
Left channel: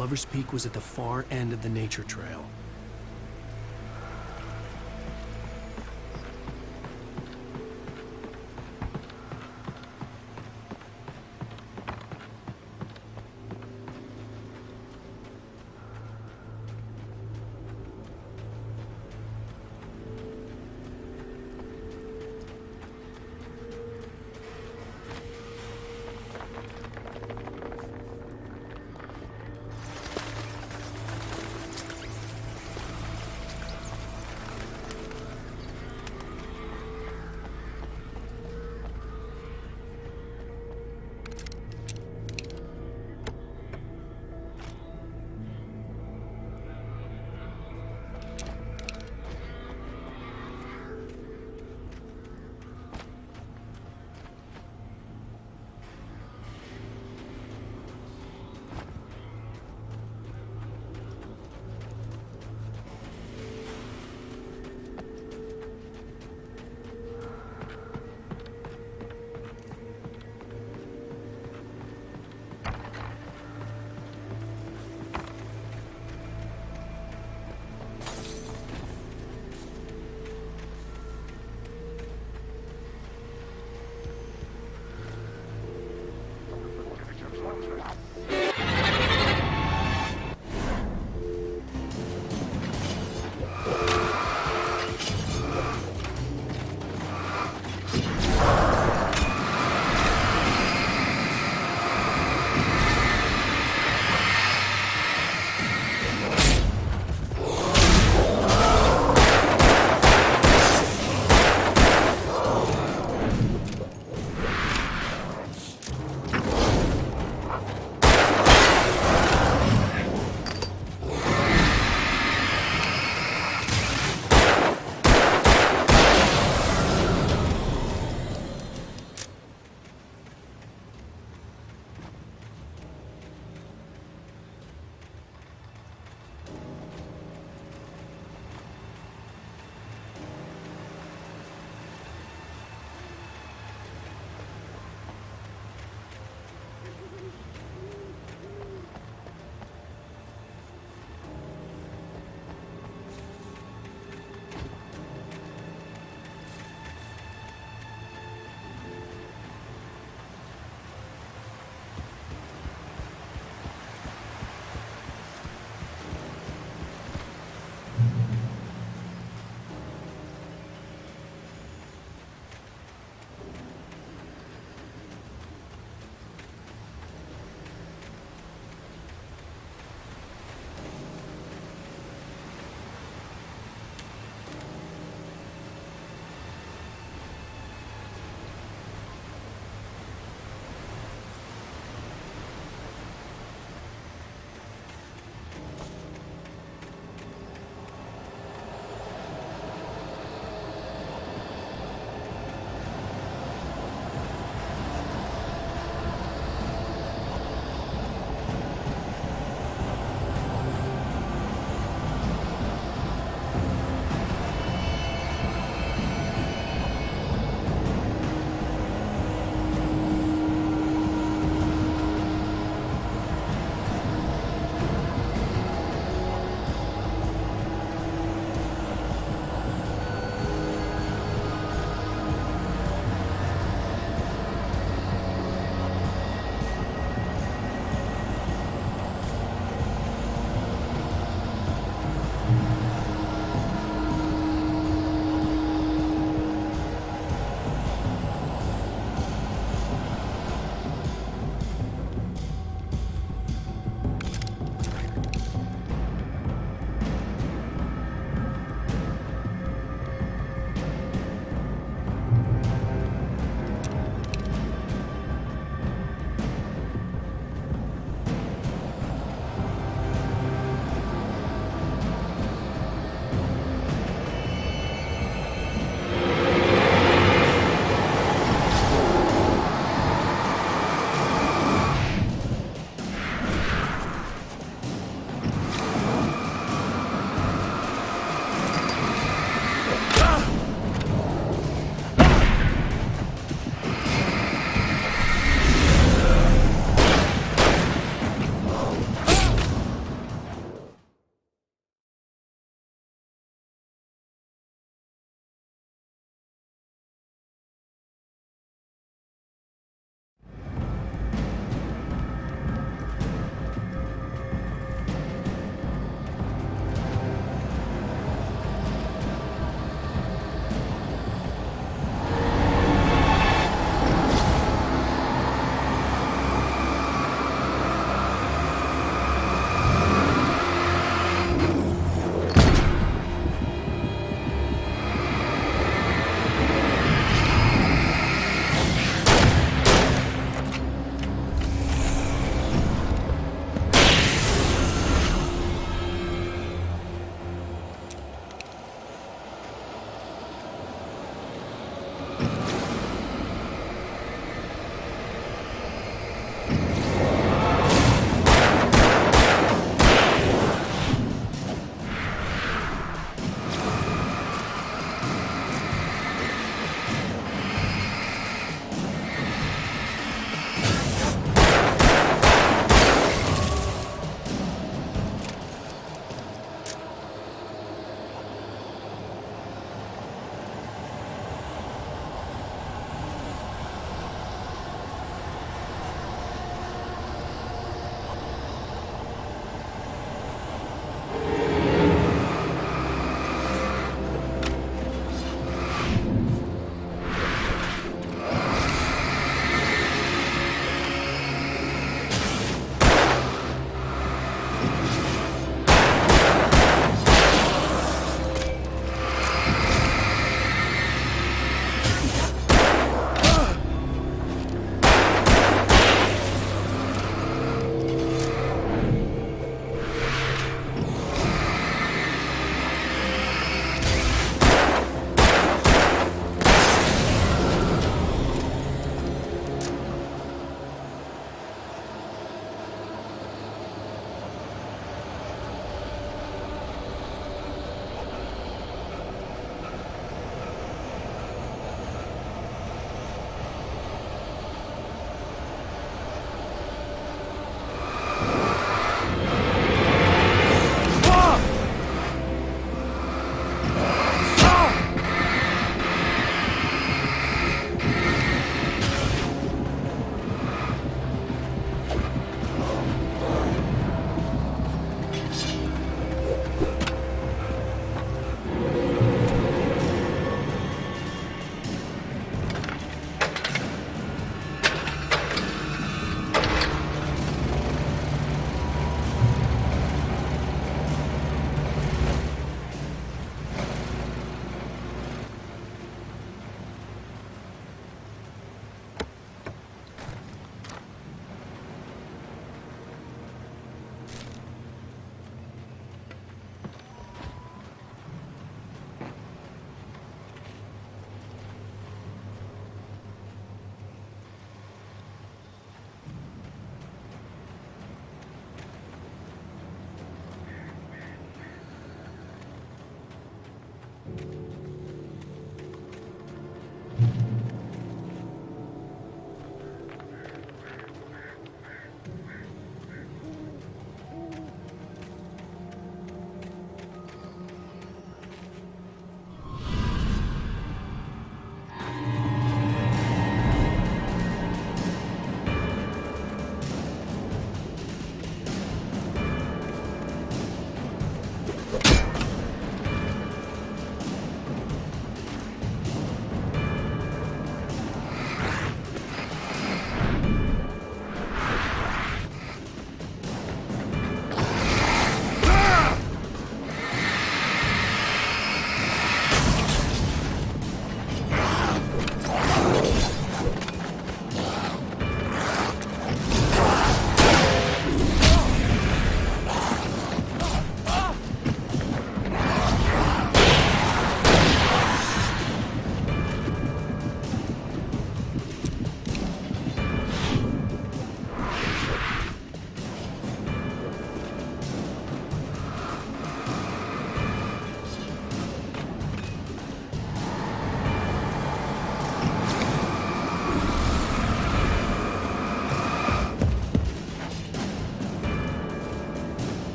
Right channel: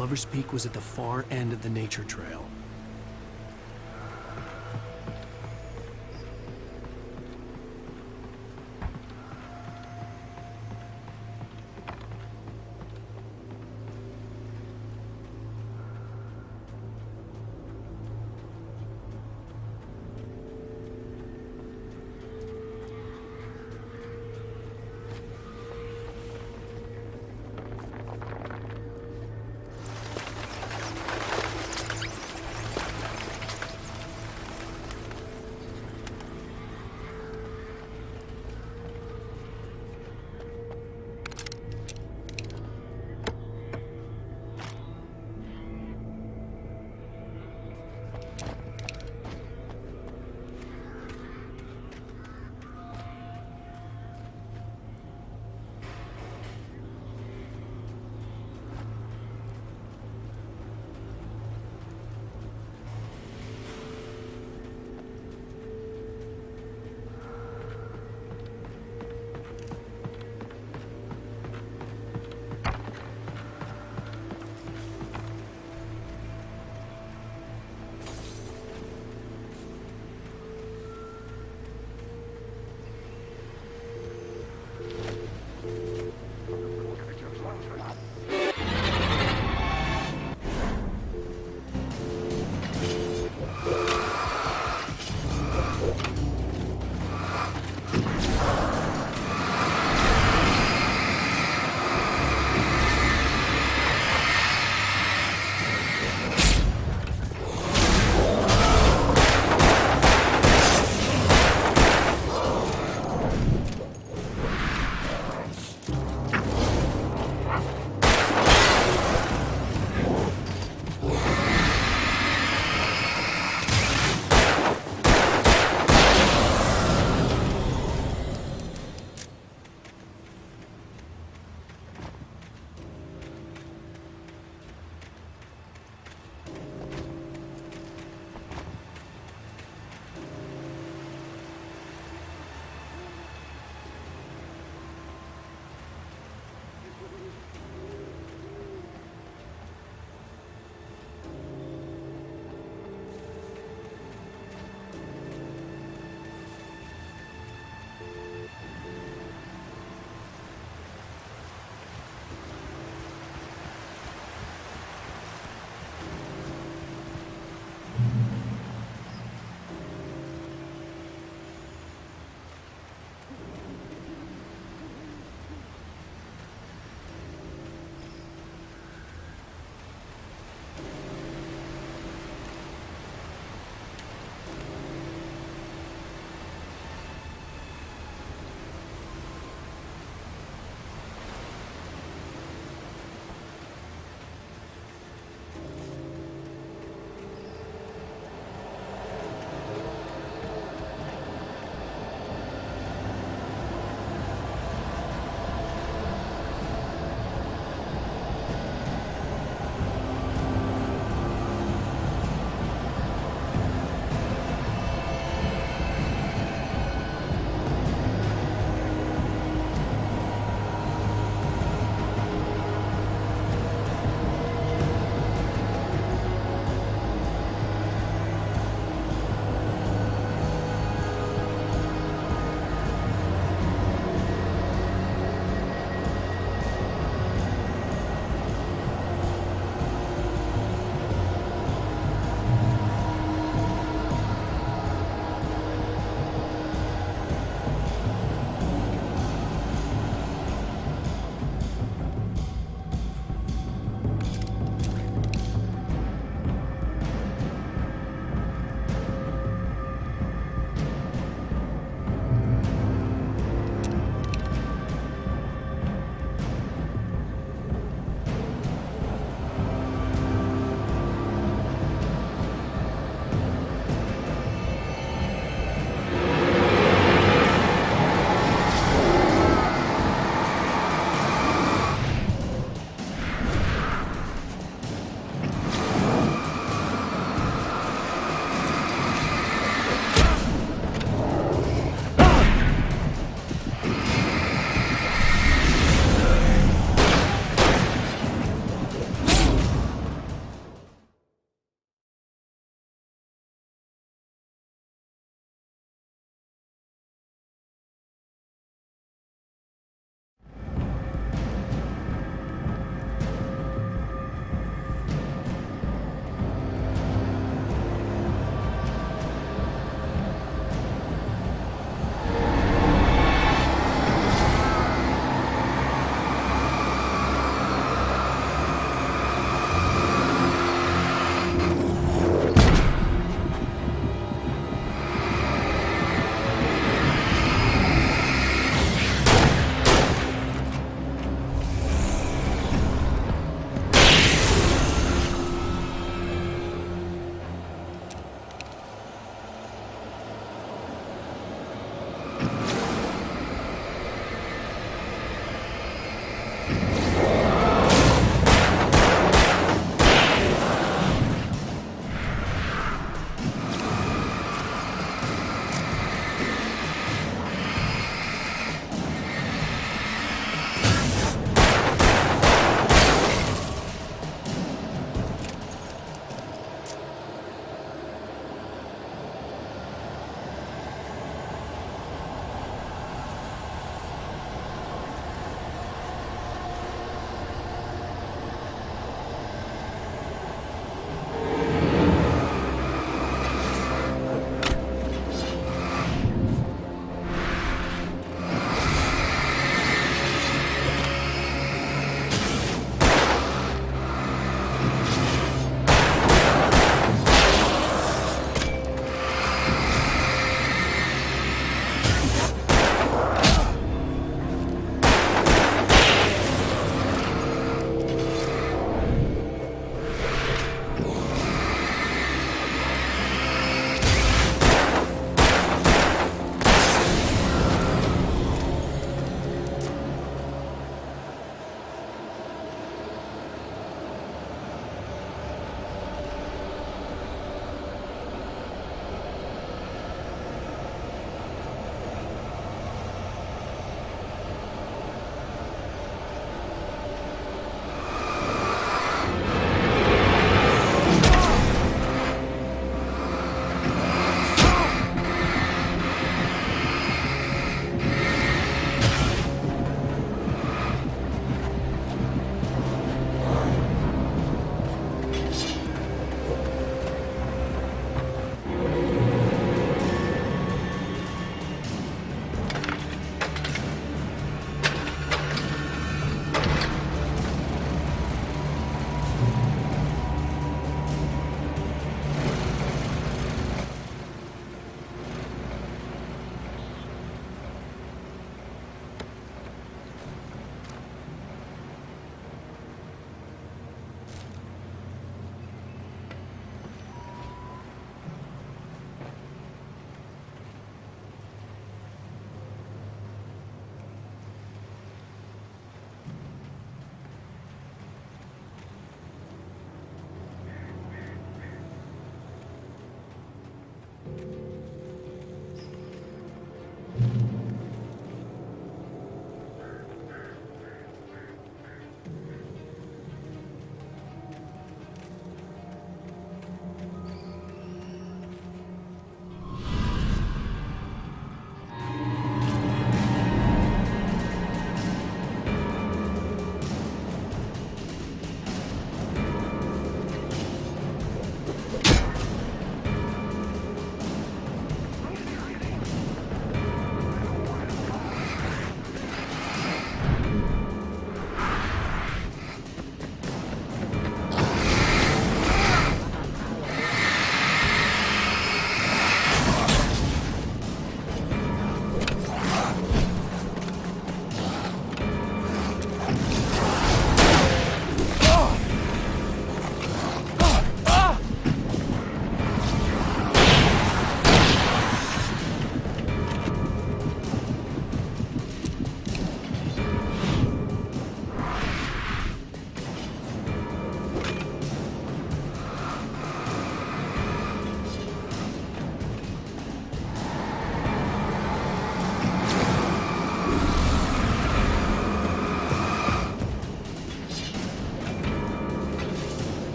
Lover's Peak was at the far end of the nature trail.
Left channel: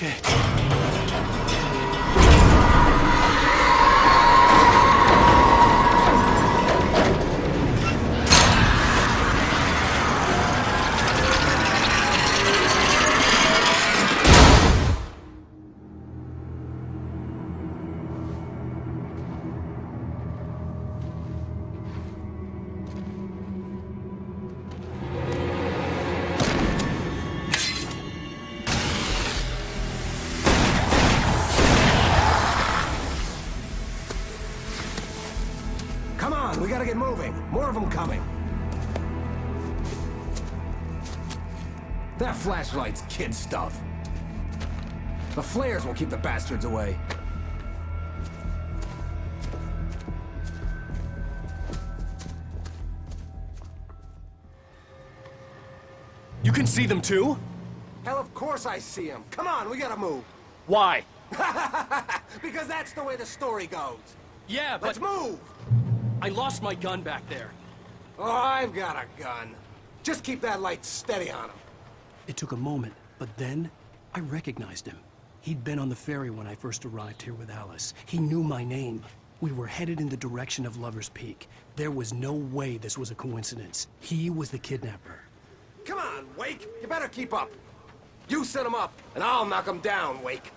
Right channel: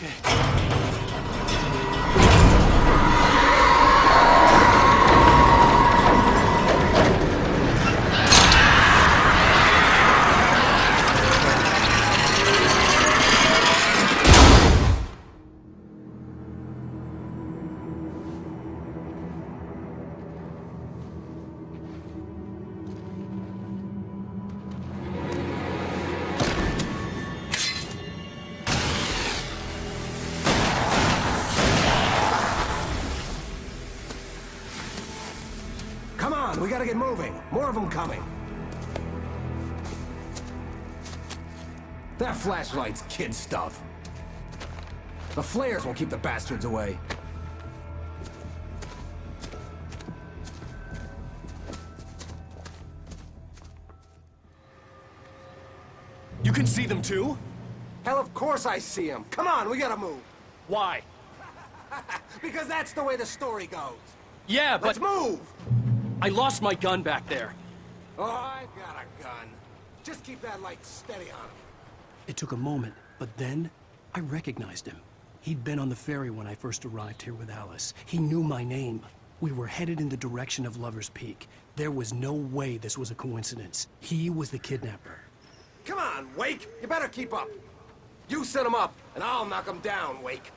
shit. Come on, we gotta get moving. More of them coming. That flashlight's kid stuff. The flares will keep the bastards away. You can see them too? Hell, of course I see them. Come on, we gotta move. Why? Because that's the way the story goes. Yeah, but... Let's move! I lost my gun back there. Oh, I've got a gun. Just keep that light steady on him. It took a moment, but then I recognized him. He'd been on the ferry when I first arrived here with Alice. He knew my name. We were headed in the direction of Lover's Peak. There was no way this was a coincidence. He was the kidnapper. Come on, Wake! You better keep up. You set him up, and I'll knock him down, Wake.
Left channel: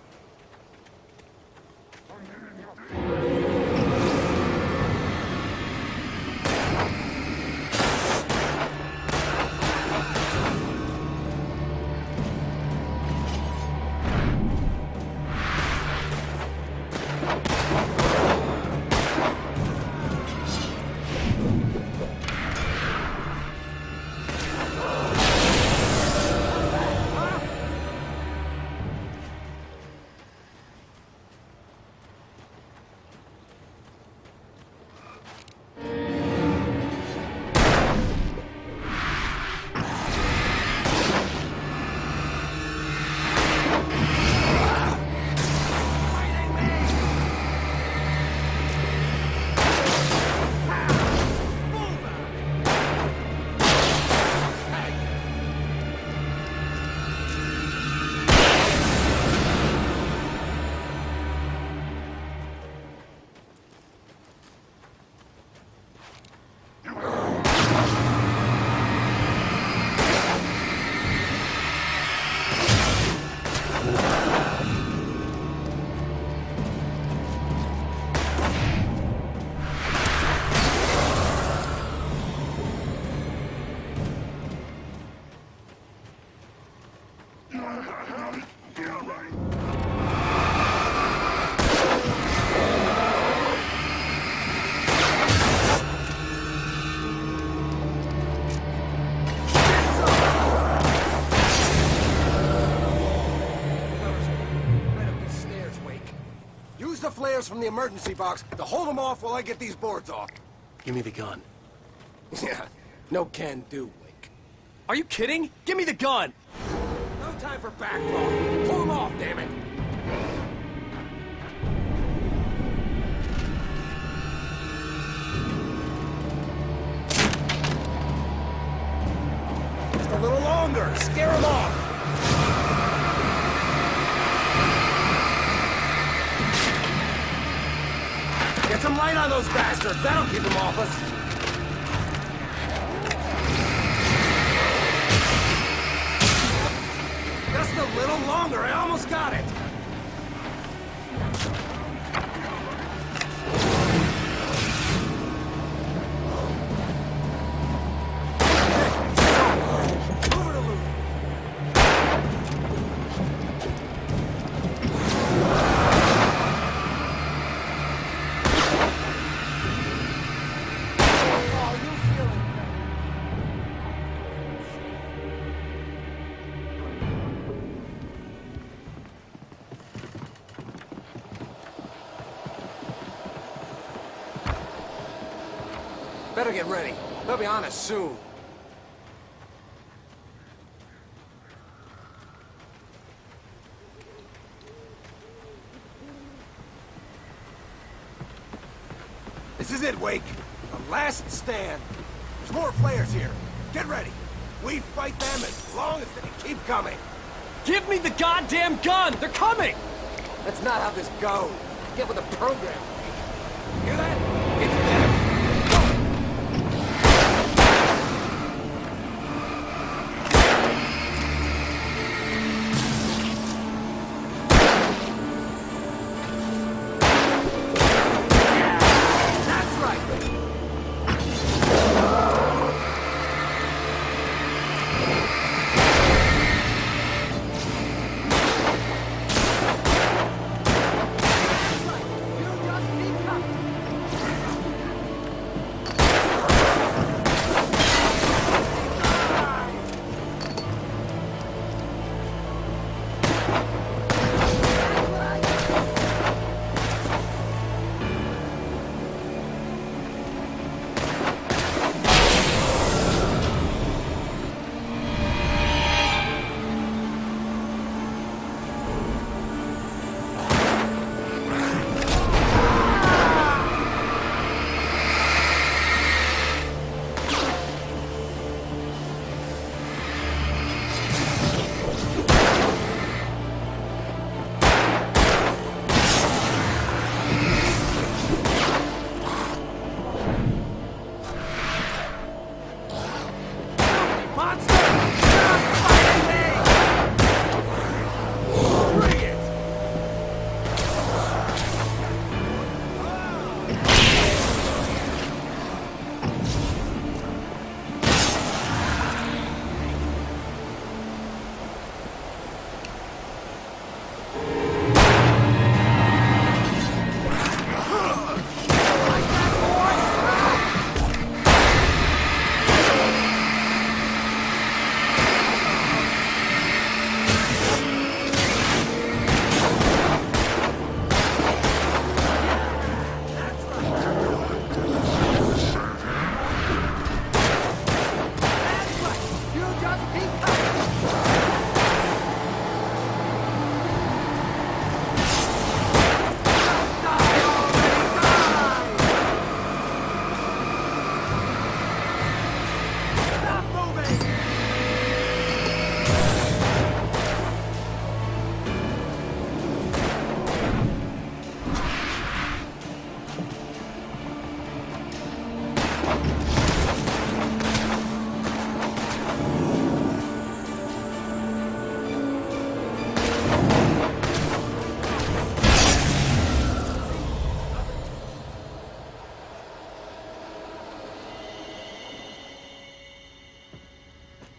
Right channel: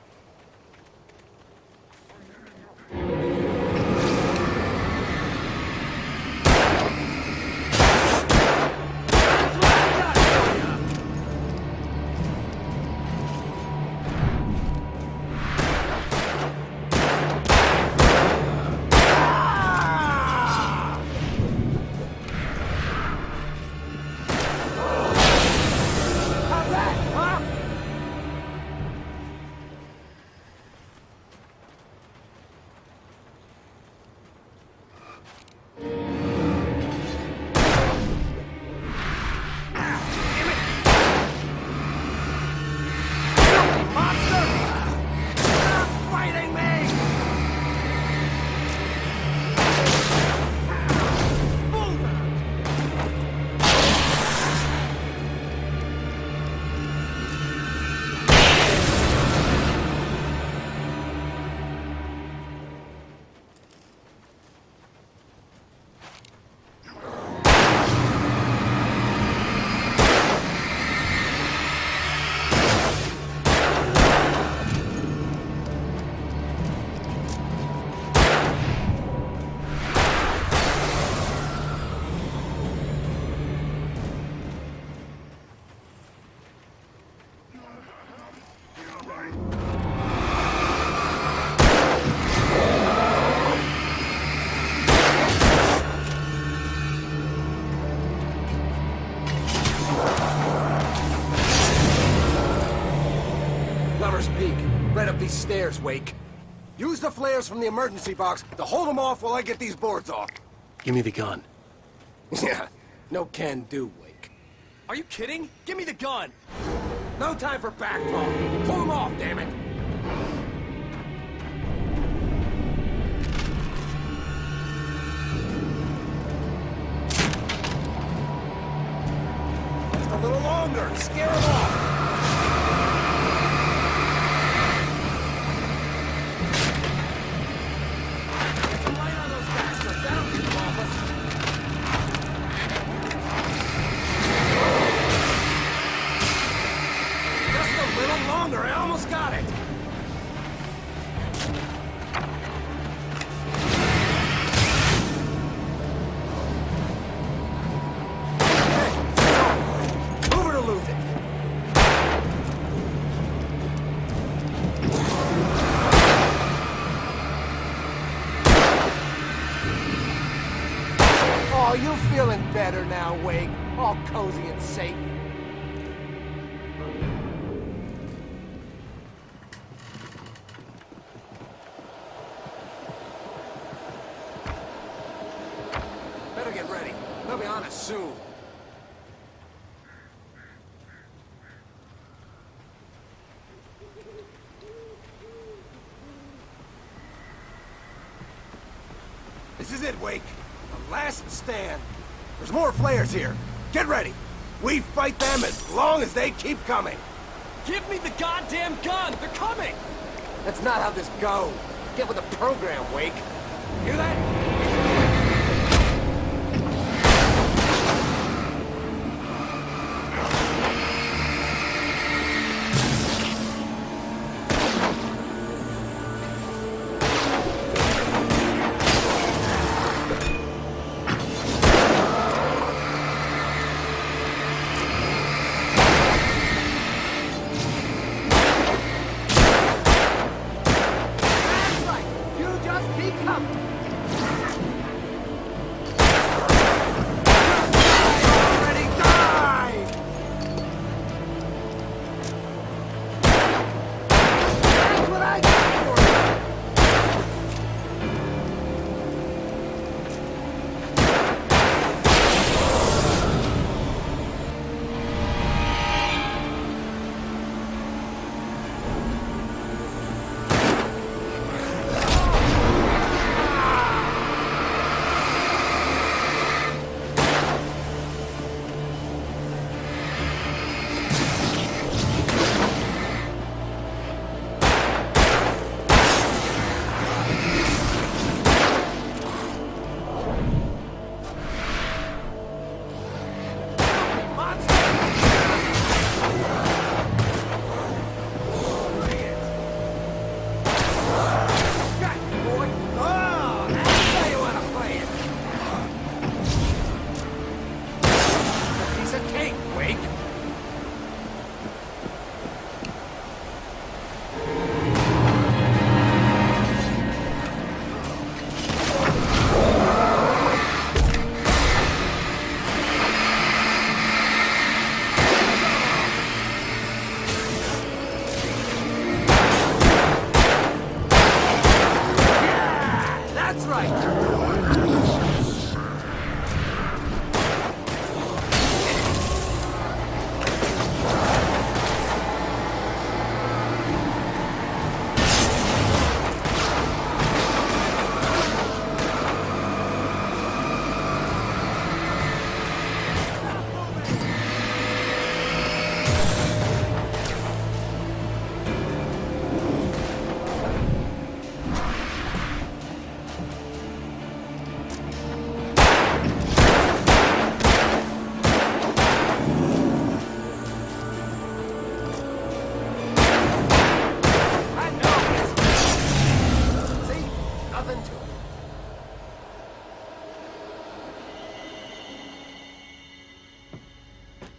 Lover's Peak. Right up these stairs, Wake. Use the flares from the emergency box to hold them off while I get these boards off. Give me the gun. Yeah, no can do, Wake. Are you kidding? Give me the gun! No time for back. Get some light on those bastards. That'll keep them off us. Oh, you feeling better now, Wake? All cozy and safe. Better get ready. They'll be on us soon. This is it, Wake. The last stand. There's more flares here. Get ready. We fight them as long as they keep coming. Give me the goddamn gun! They're coming! Graham, Wake. Hear that? It's them.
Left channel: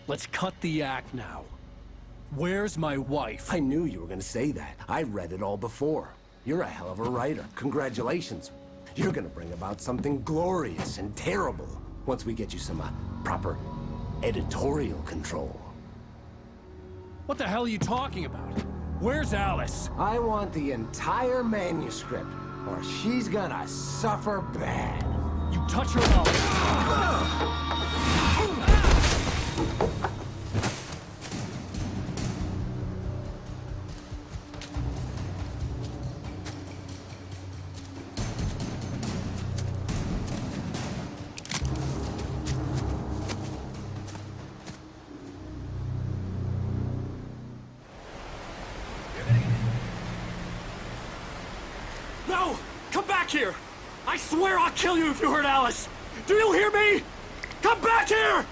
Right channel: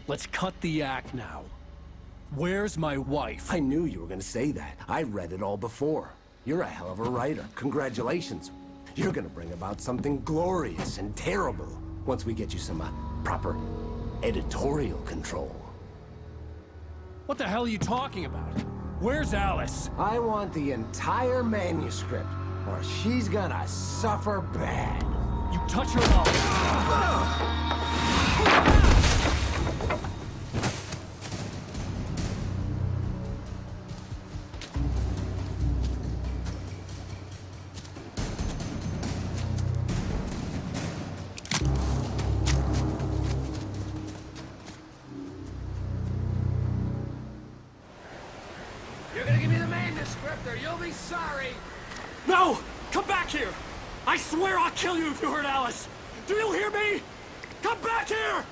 Let's cut the act now. Where's my wife? I knew you were gonna say that. I read it all before. You're a hell of a writer. Congratulations. You're gonna bring about something glorious and terrible once we get you some proper editorial control. What the hell are you talking about? Where's Alice? I want the entire manuscript, or she's gonna suffer bad. You touch her mouth. You're gonna give me the manuscript or you'll be sorry. No! Come back here! I swear I'll kill you if you hurt Alice! Do you hear me? Come back here!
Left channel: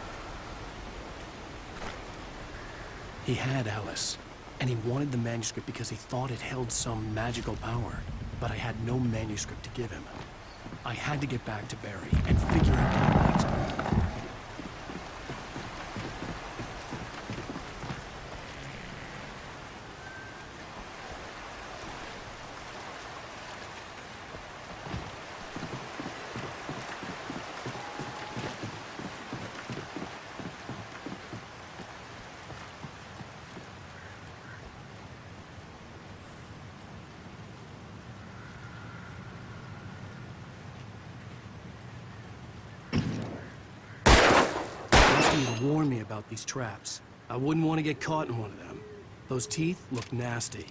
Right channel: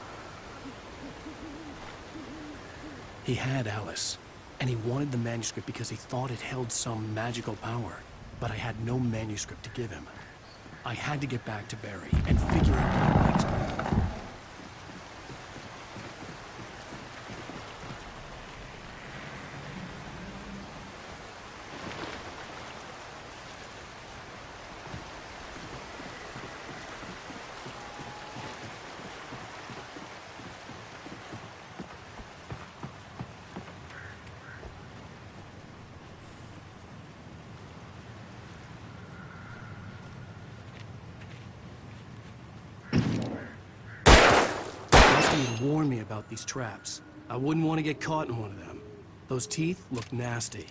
He had Alice, and he wanted the manuscript because he thought it held some magical power. But I had no manuscript to give him. I had to get back to Barry and figure out my next move. He had warned me about these traps. I wouldn't want to get caught in one of them. Those teeth look nasty.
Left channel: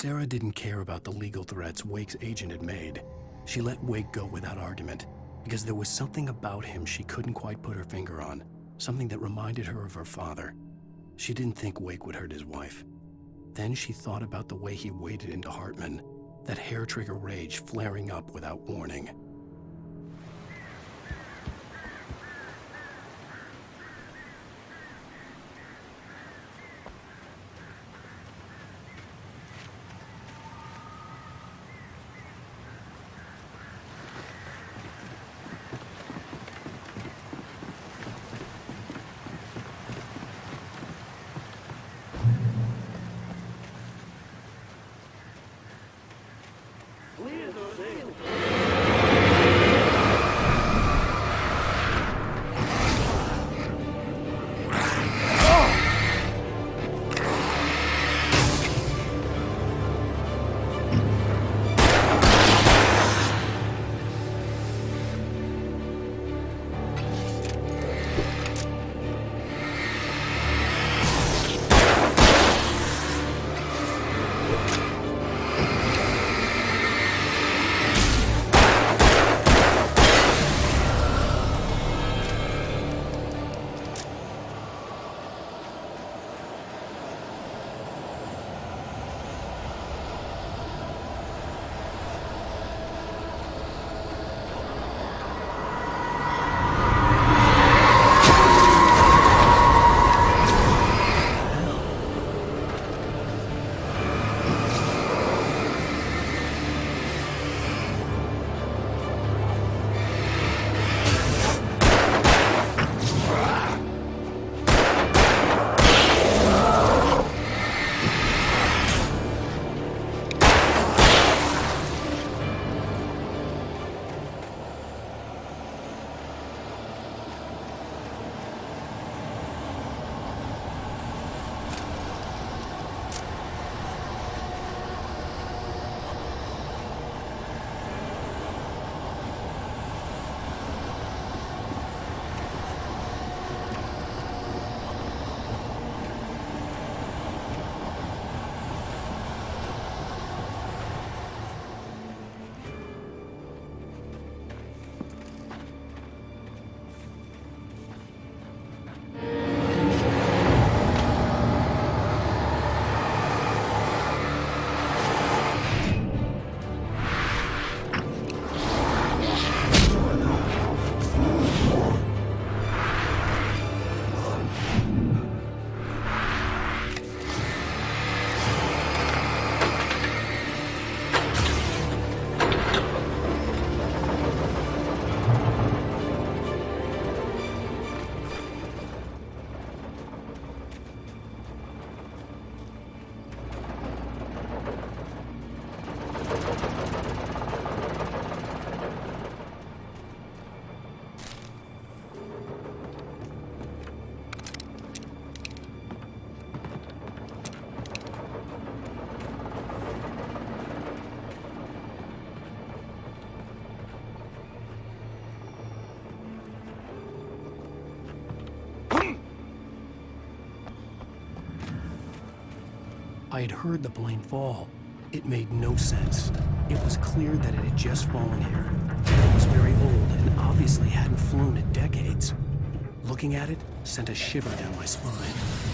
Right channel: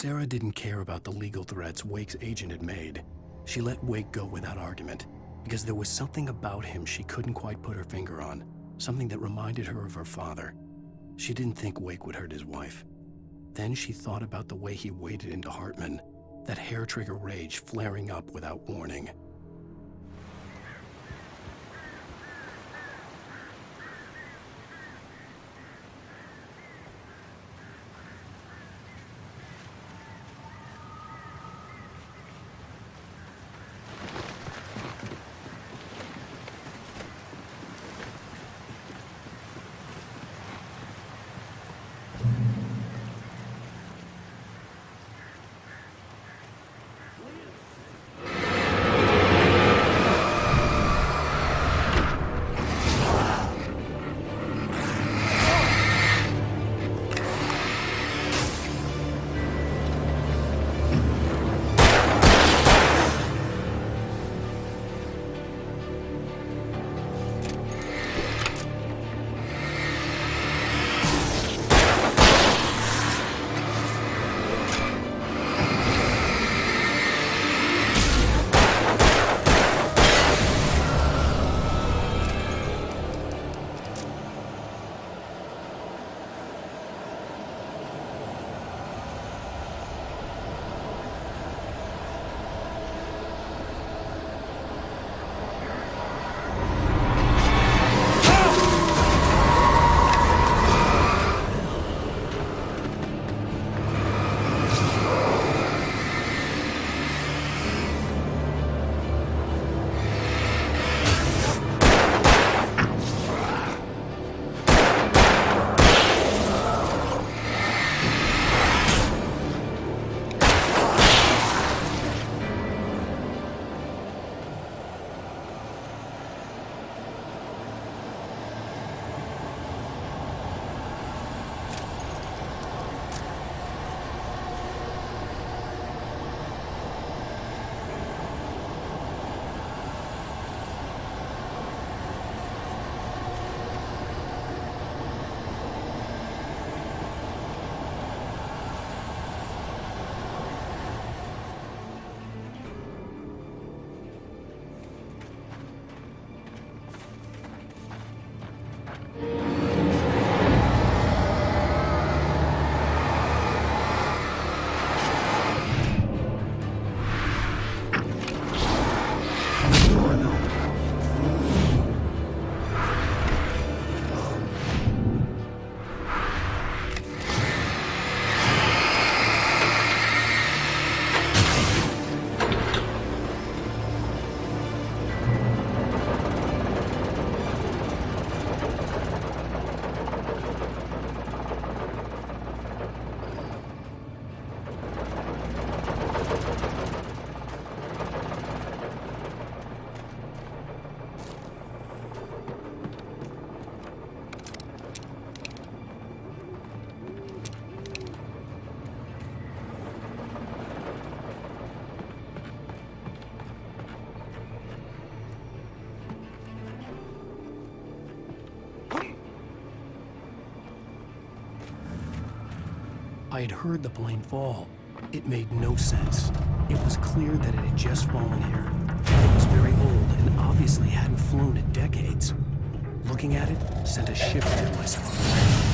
Sarah didn't care about the legal threats Wake's agent had made. She let Wake go without argument, because there was something about him she couldn't quite put her finger on, something that reminded her of her father. She didn't think Wake would hurt his wife. Then she thought about the way he waded into Hartman, that hair-trigger rage flaring up without warning. I had heard the plane fall. It made no sense. It was clear that it had just fallen here. It was very old and obviously hadn't flown in decades. Looking at it sent a shiver down my spine.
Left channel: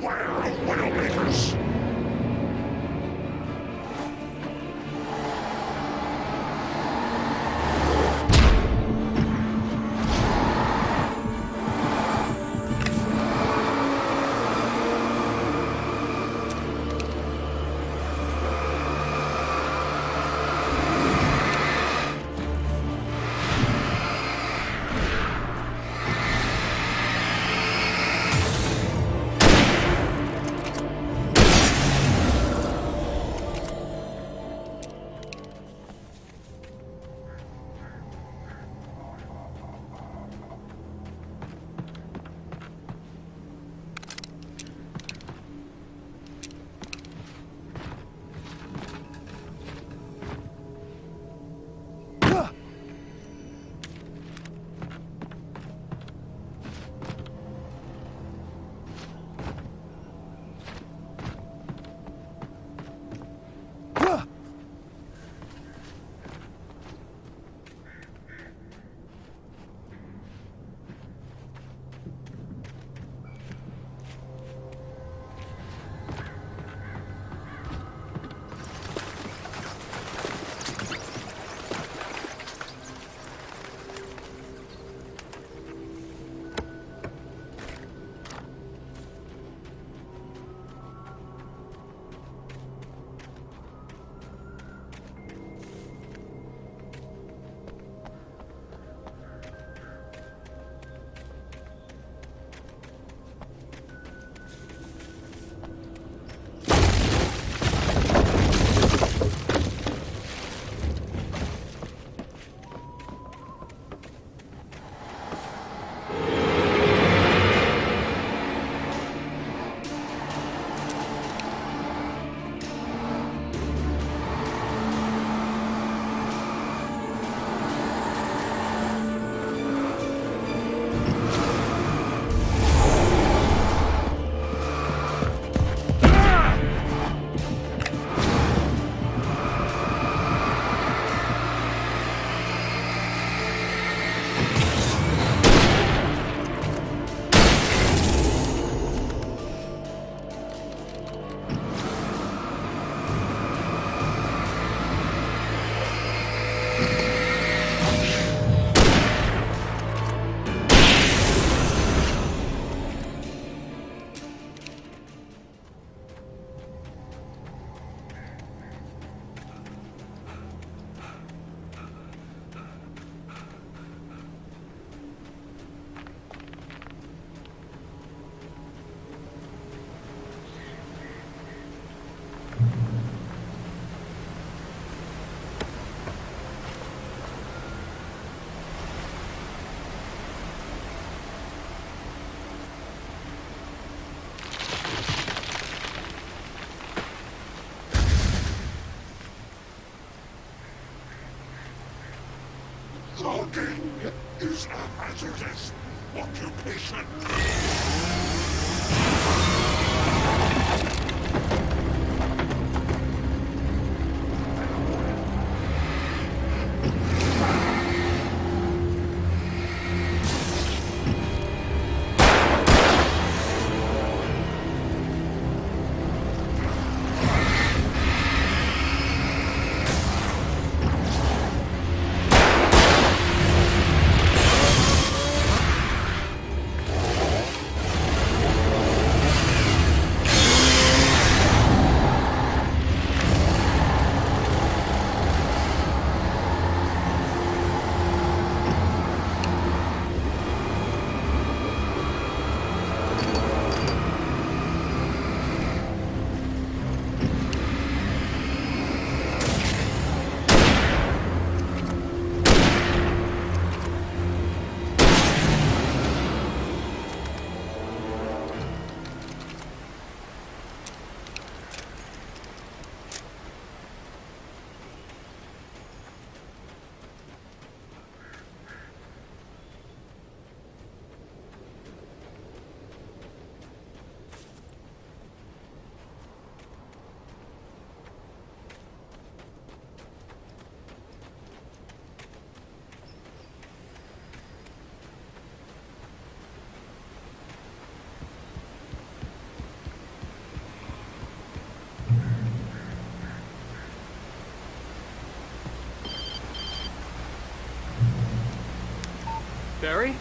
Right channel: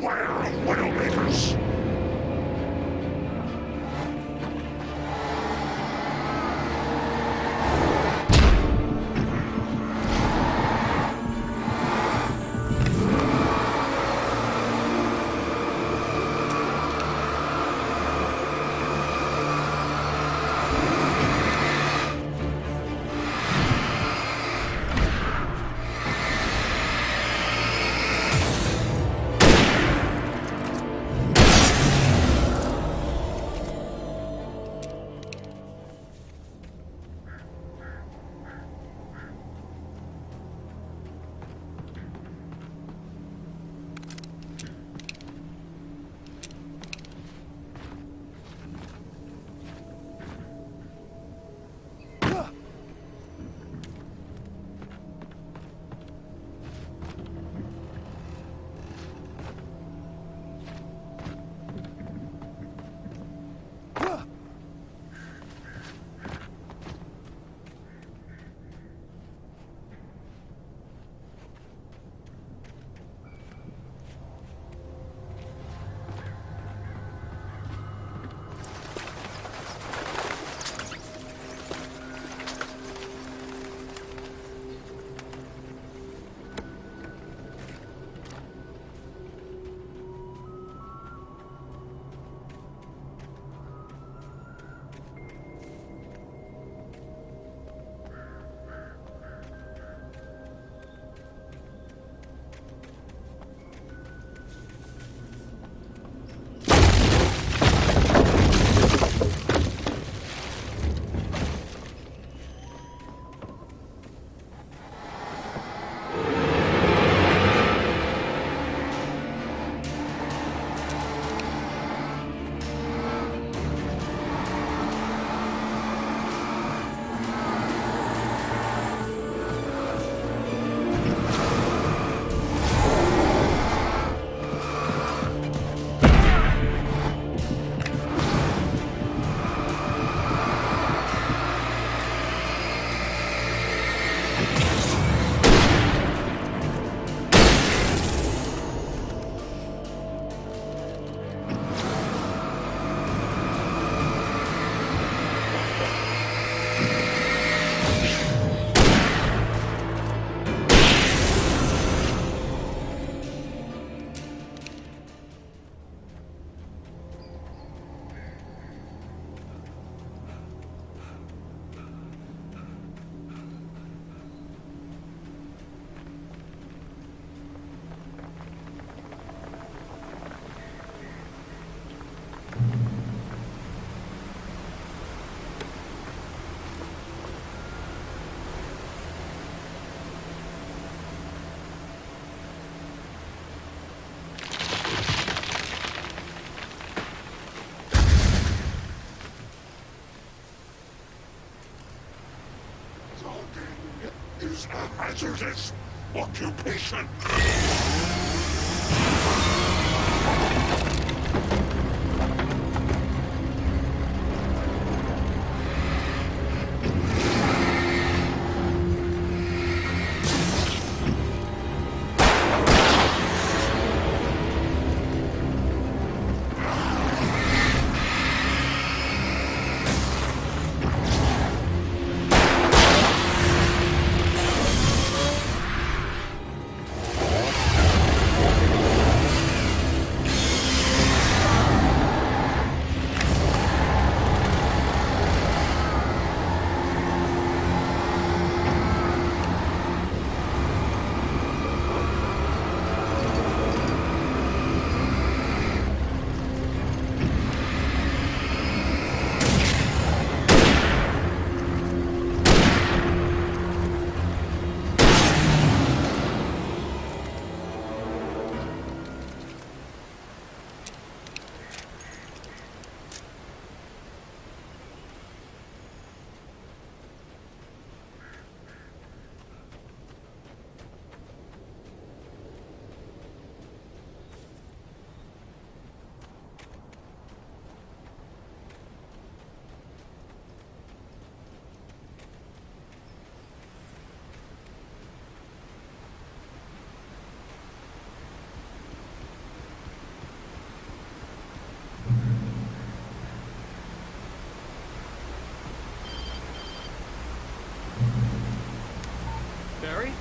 Beware of Widowmakers. Logging is a hazardous occupation. Barry?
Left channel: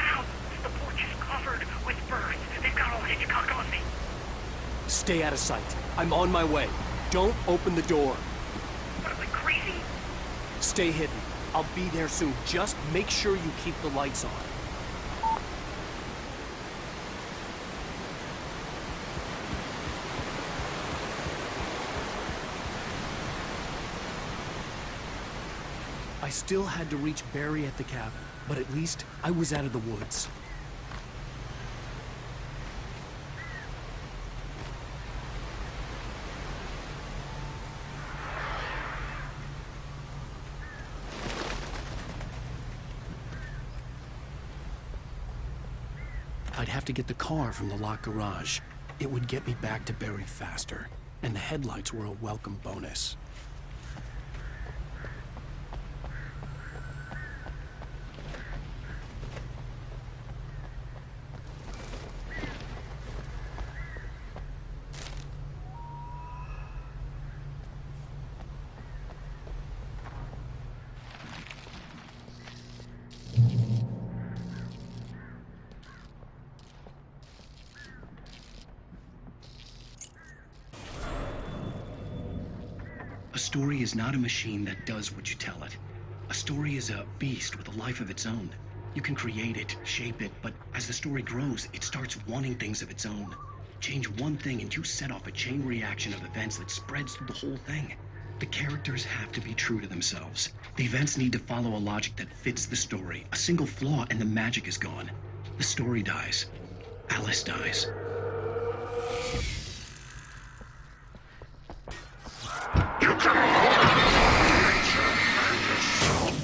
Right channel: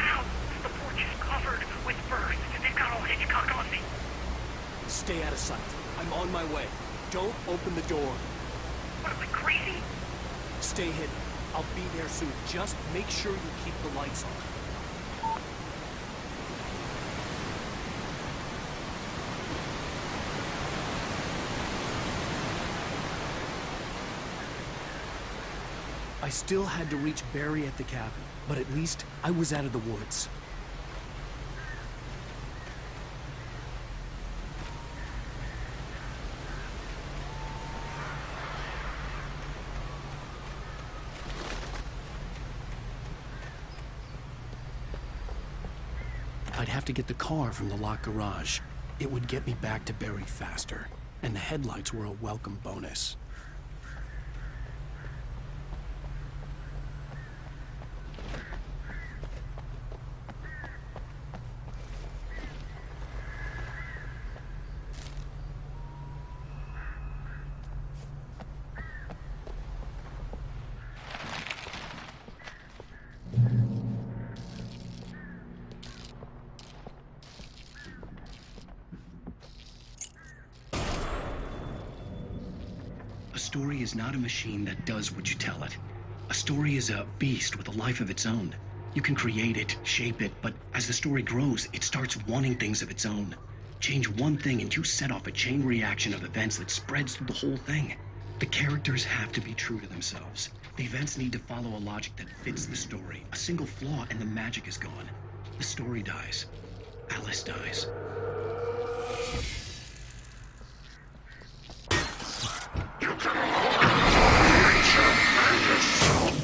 Ow! The porch is covered with birds. They've got all Hitchcock on me. Stay out of sight. I'm on my way. Don't open the door. What, am I crazy? Stay hidden. I'll be there soon. Just make sure you keep the lights on. I still had to reach Barry at the cabin, but at least I was out of the woods. I'd have to get the car from the locked garage. It would get me back to Barry faster, and the headlights were a welcome bonus. A story is not a machine that does what you tell it. A story is a beast with a life of its own. You can create it, shape it, but as the story grows, it starts wanting things of its own. Change one thing and you set off a chain reaction of events that spreads through the whole thing. The characters have to be true to themselves. The events need to follow a logic that fits the story. A single flaw and the magic is gone. The story dies. Alice dies. You can hold nature and yourself.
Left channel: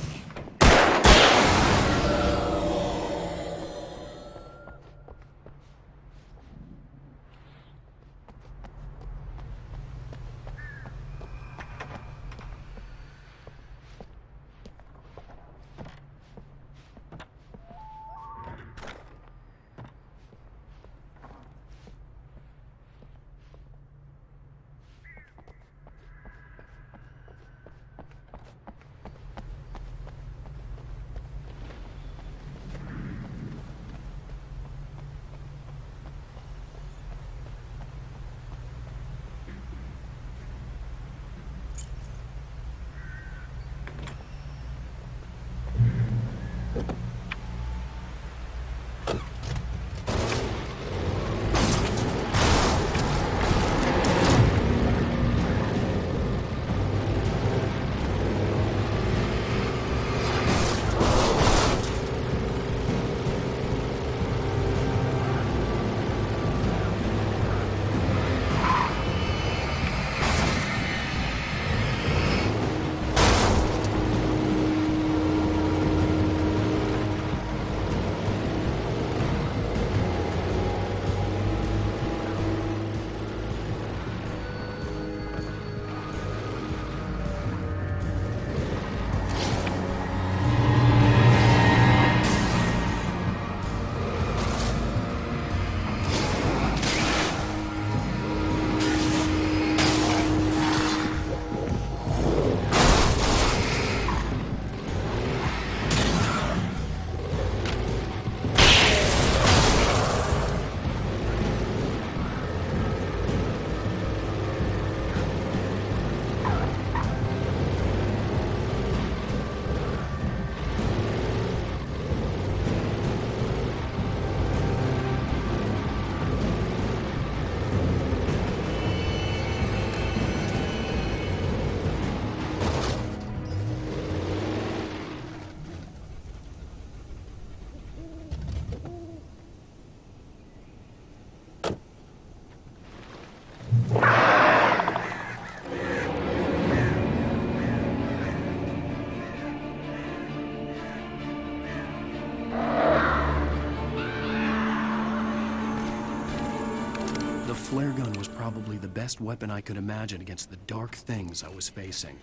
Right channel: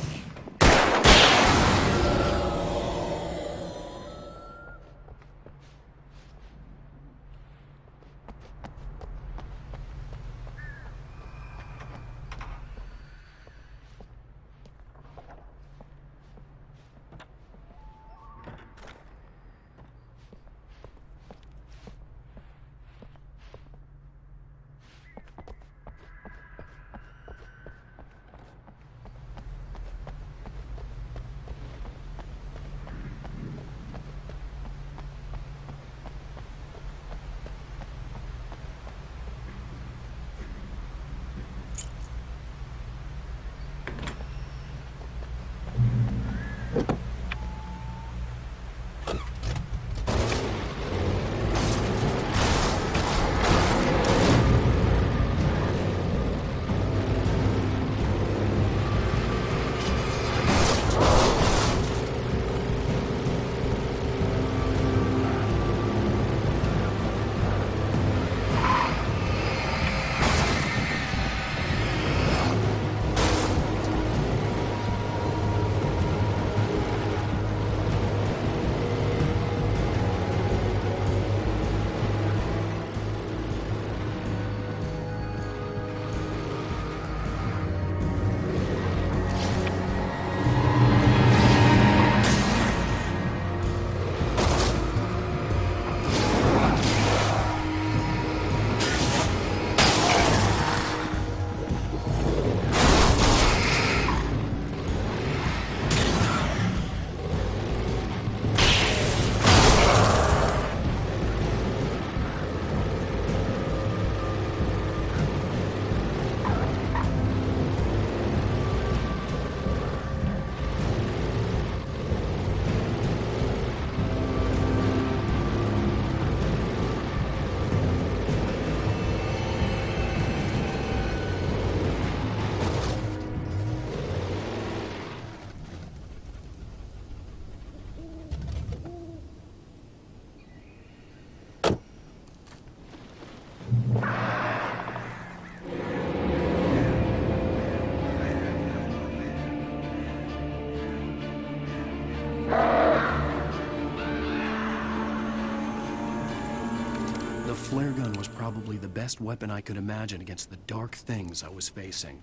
The flare gun was probably the best weapon I could imagine against the dark things I was facing.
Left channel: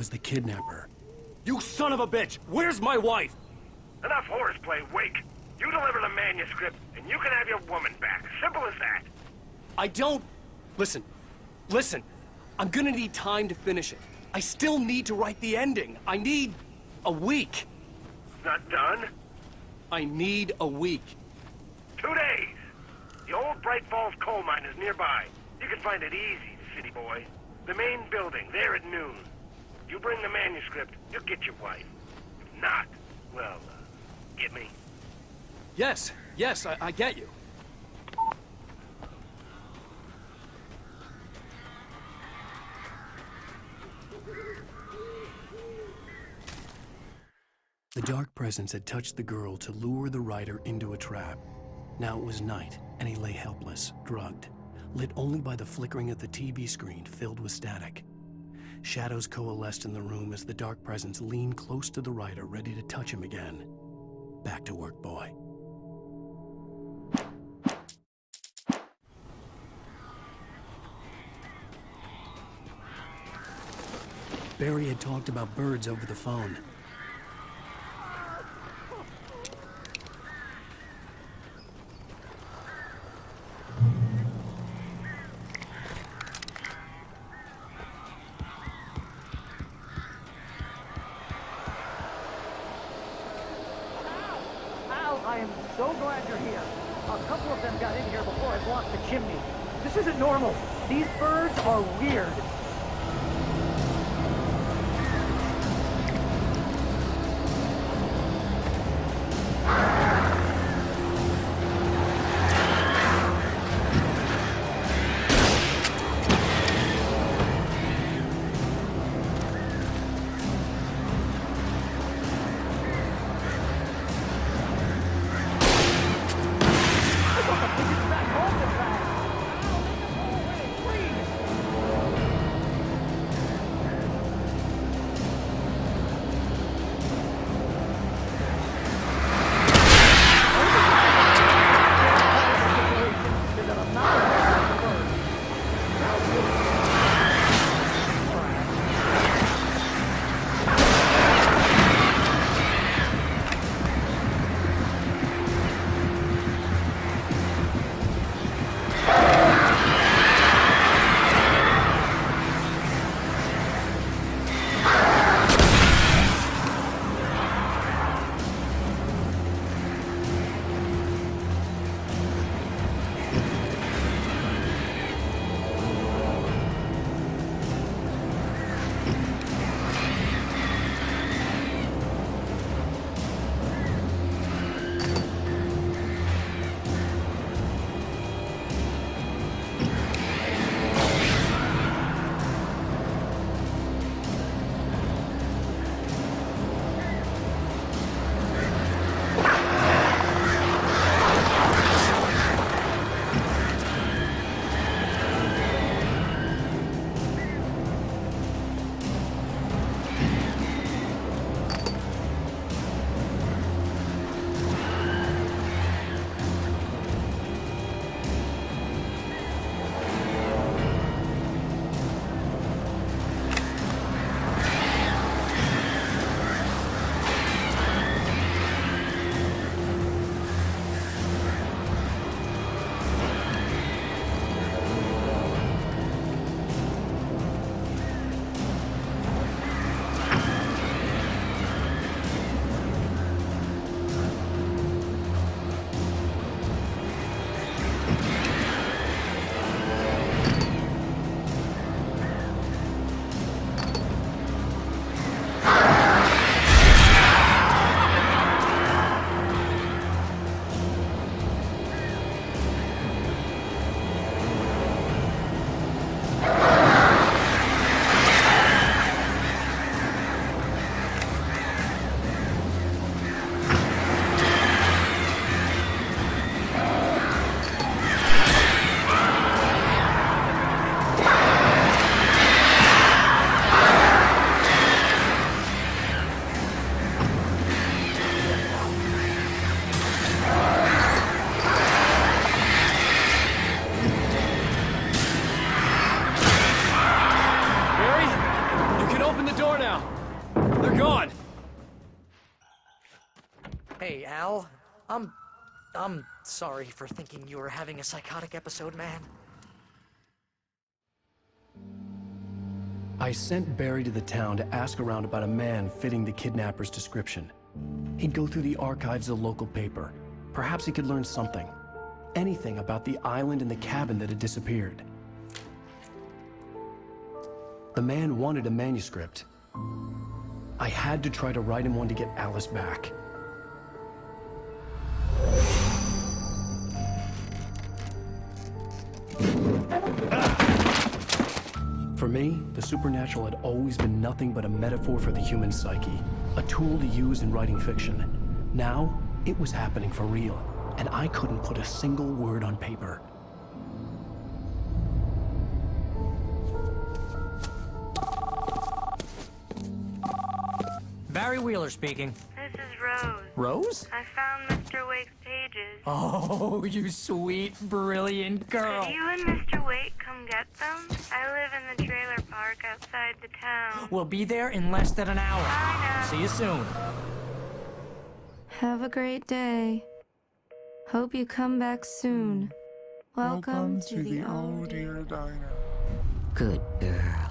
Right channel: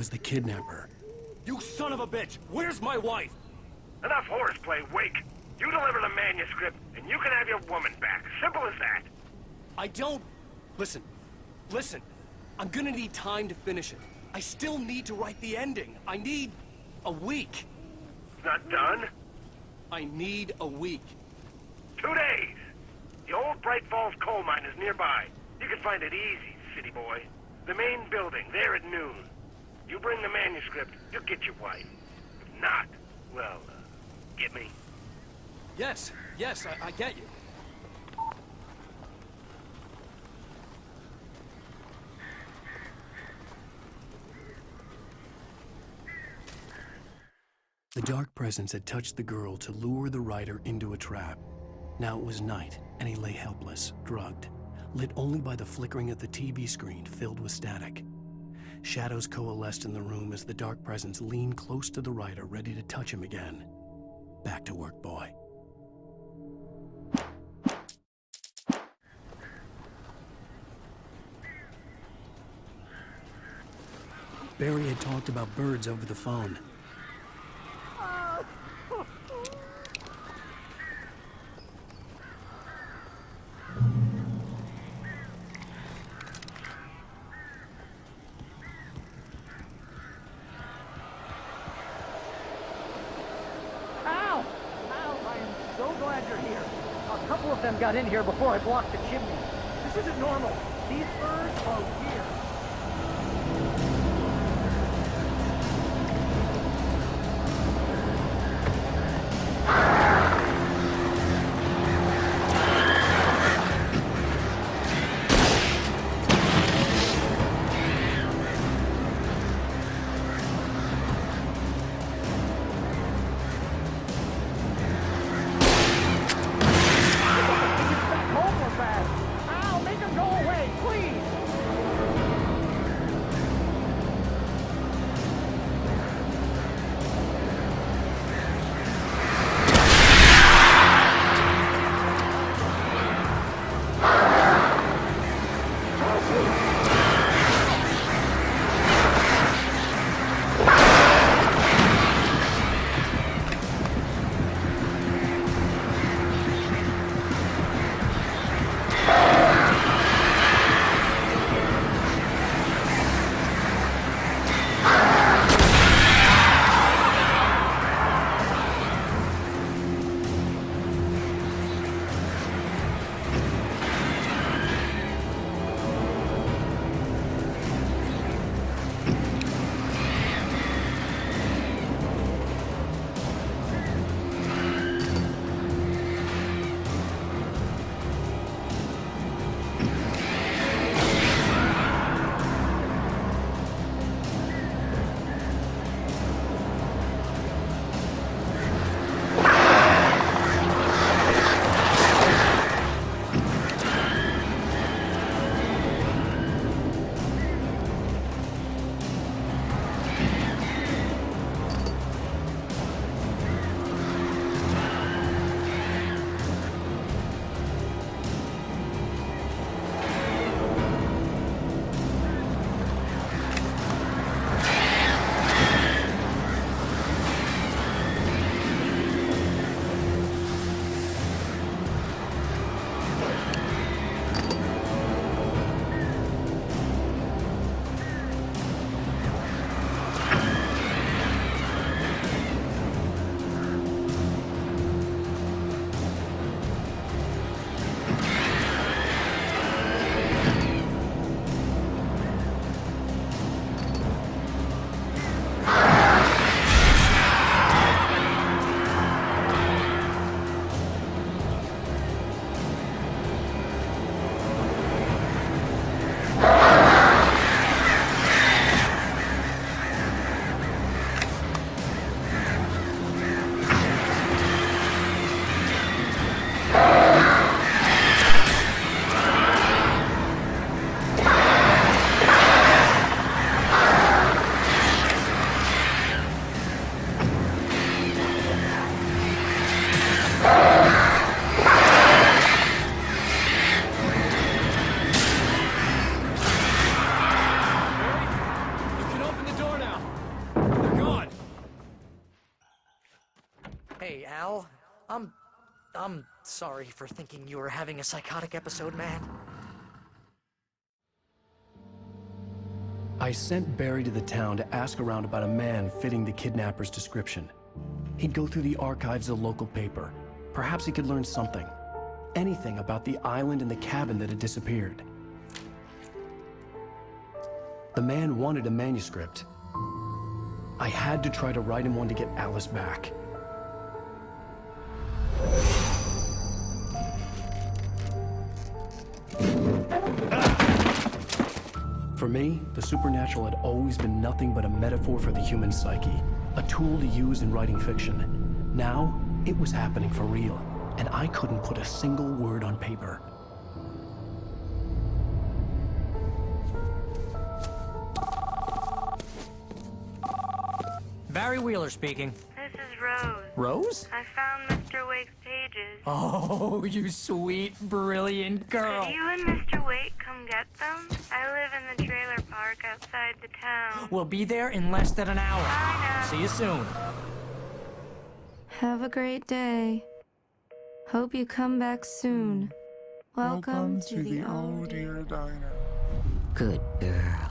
was the kidnapper. You son of a bitch! Where's my wife? Enough horseplay, Wake. You deliver the manuscript, and you can have your woman back. Simple as that. I don't... Listen. I'm gonna need time to finish it. I still need to write the ending. I need a week. It's not done? I need a week. 2 days. The old Bright Falls coal mine is nearby. You can find it easy, city boy. The main building, there at noon. You bring the manuscript, you'll get your wife. If not, well, get me? Yes, I get you. The dark presence had touched the girl to lure the writer into a trap. Now it was night, and he lay helpless, drugged, lit only by the flickering of the TV screen filled with static. Shadows coalesced in the room as the dark presence leaned close to the writer, ready to touch him again. Back to work, boy. Barry had talked about birds over the phone. I am so glad you're here. A couple of them got in here before I blocked the chimney. This isn't normal. These birds are weird. They're gone! Hey, Al. I'm sorry for thinking you were having a psychotic episode, man. I sent Barry to the town to ask around about a man fitting the kidnapper's description. He'd go through the archives of the local paper. Perhaps he could learn something. Anything about the island and the cabin that had disappeared. The man wanted a manuscript. I had to try to write him one to get Alice back. For me, the supernatural had always been nothing but a metaphor for the human psyche, a tool to use in writing fiction. Now, it was happening for real, and I couldn't put a single word on paper. Barry Wheeler speaking. This is Rose. Rose? I found Mr. Wake's pages. Oh, you sweet, brilliant girl. Could you and Mr. Wake come get them? I live in the trailer park outside the town. We'll be there in less than an hour. Bye now. See you soon. Have a great day. Hope you come back soon. Welcome to the Old Dear Diner. Good girl.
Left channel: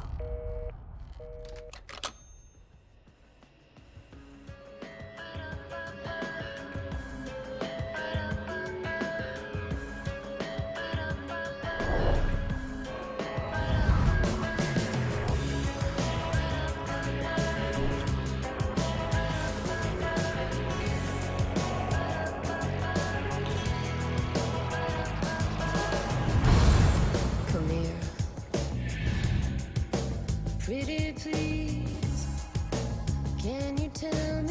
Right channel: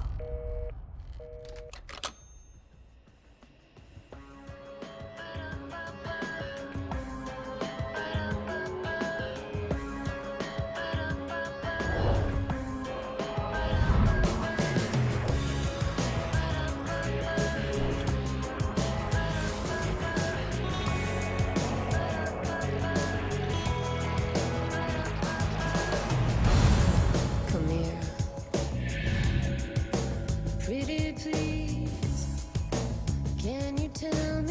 Come here. Pretty please, can you tell me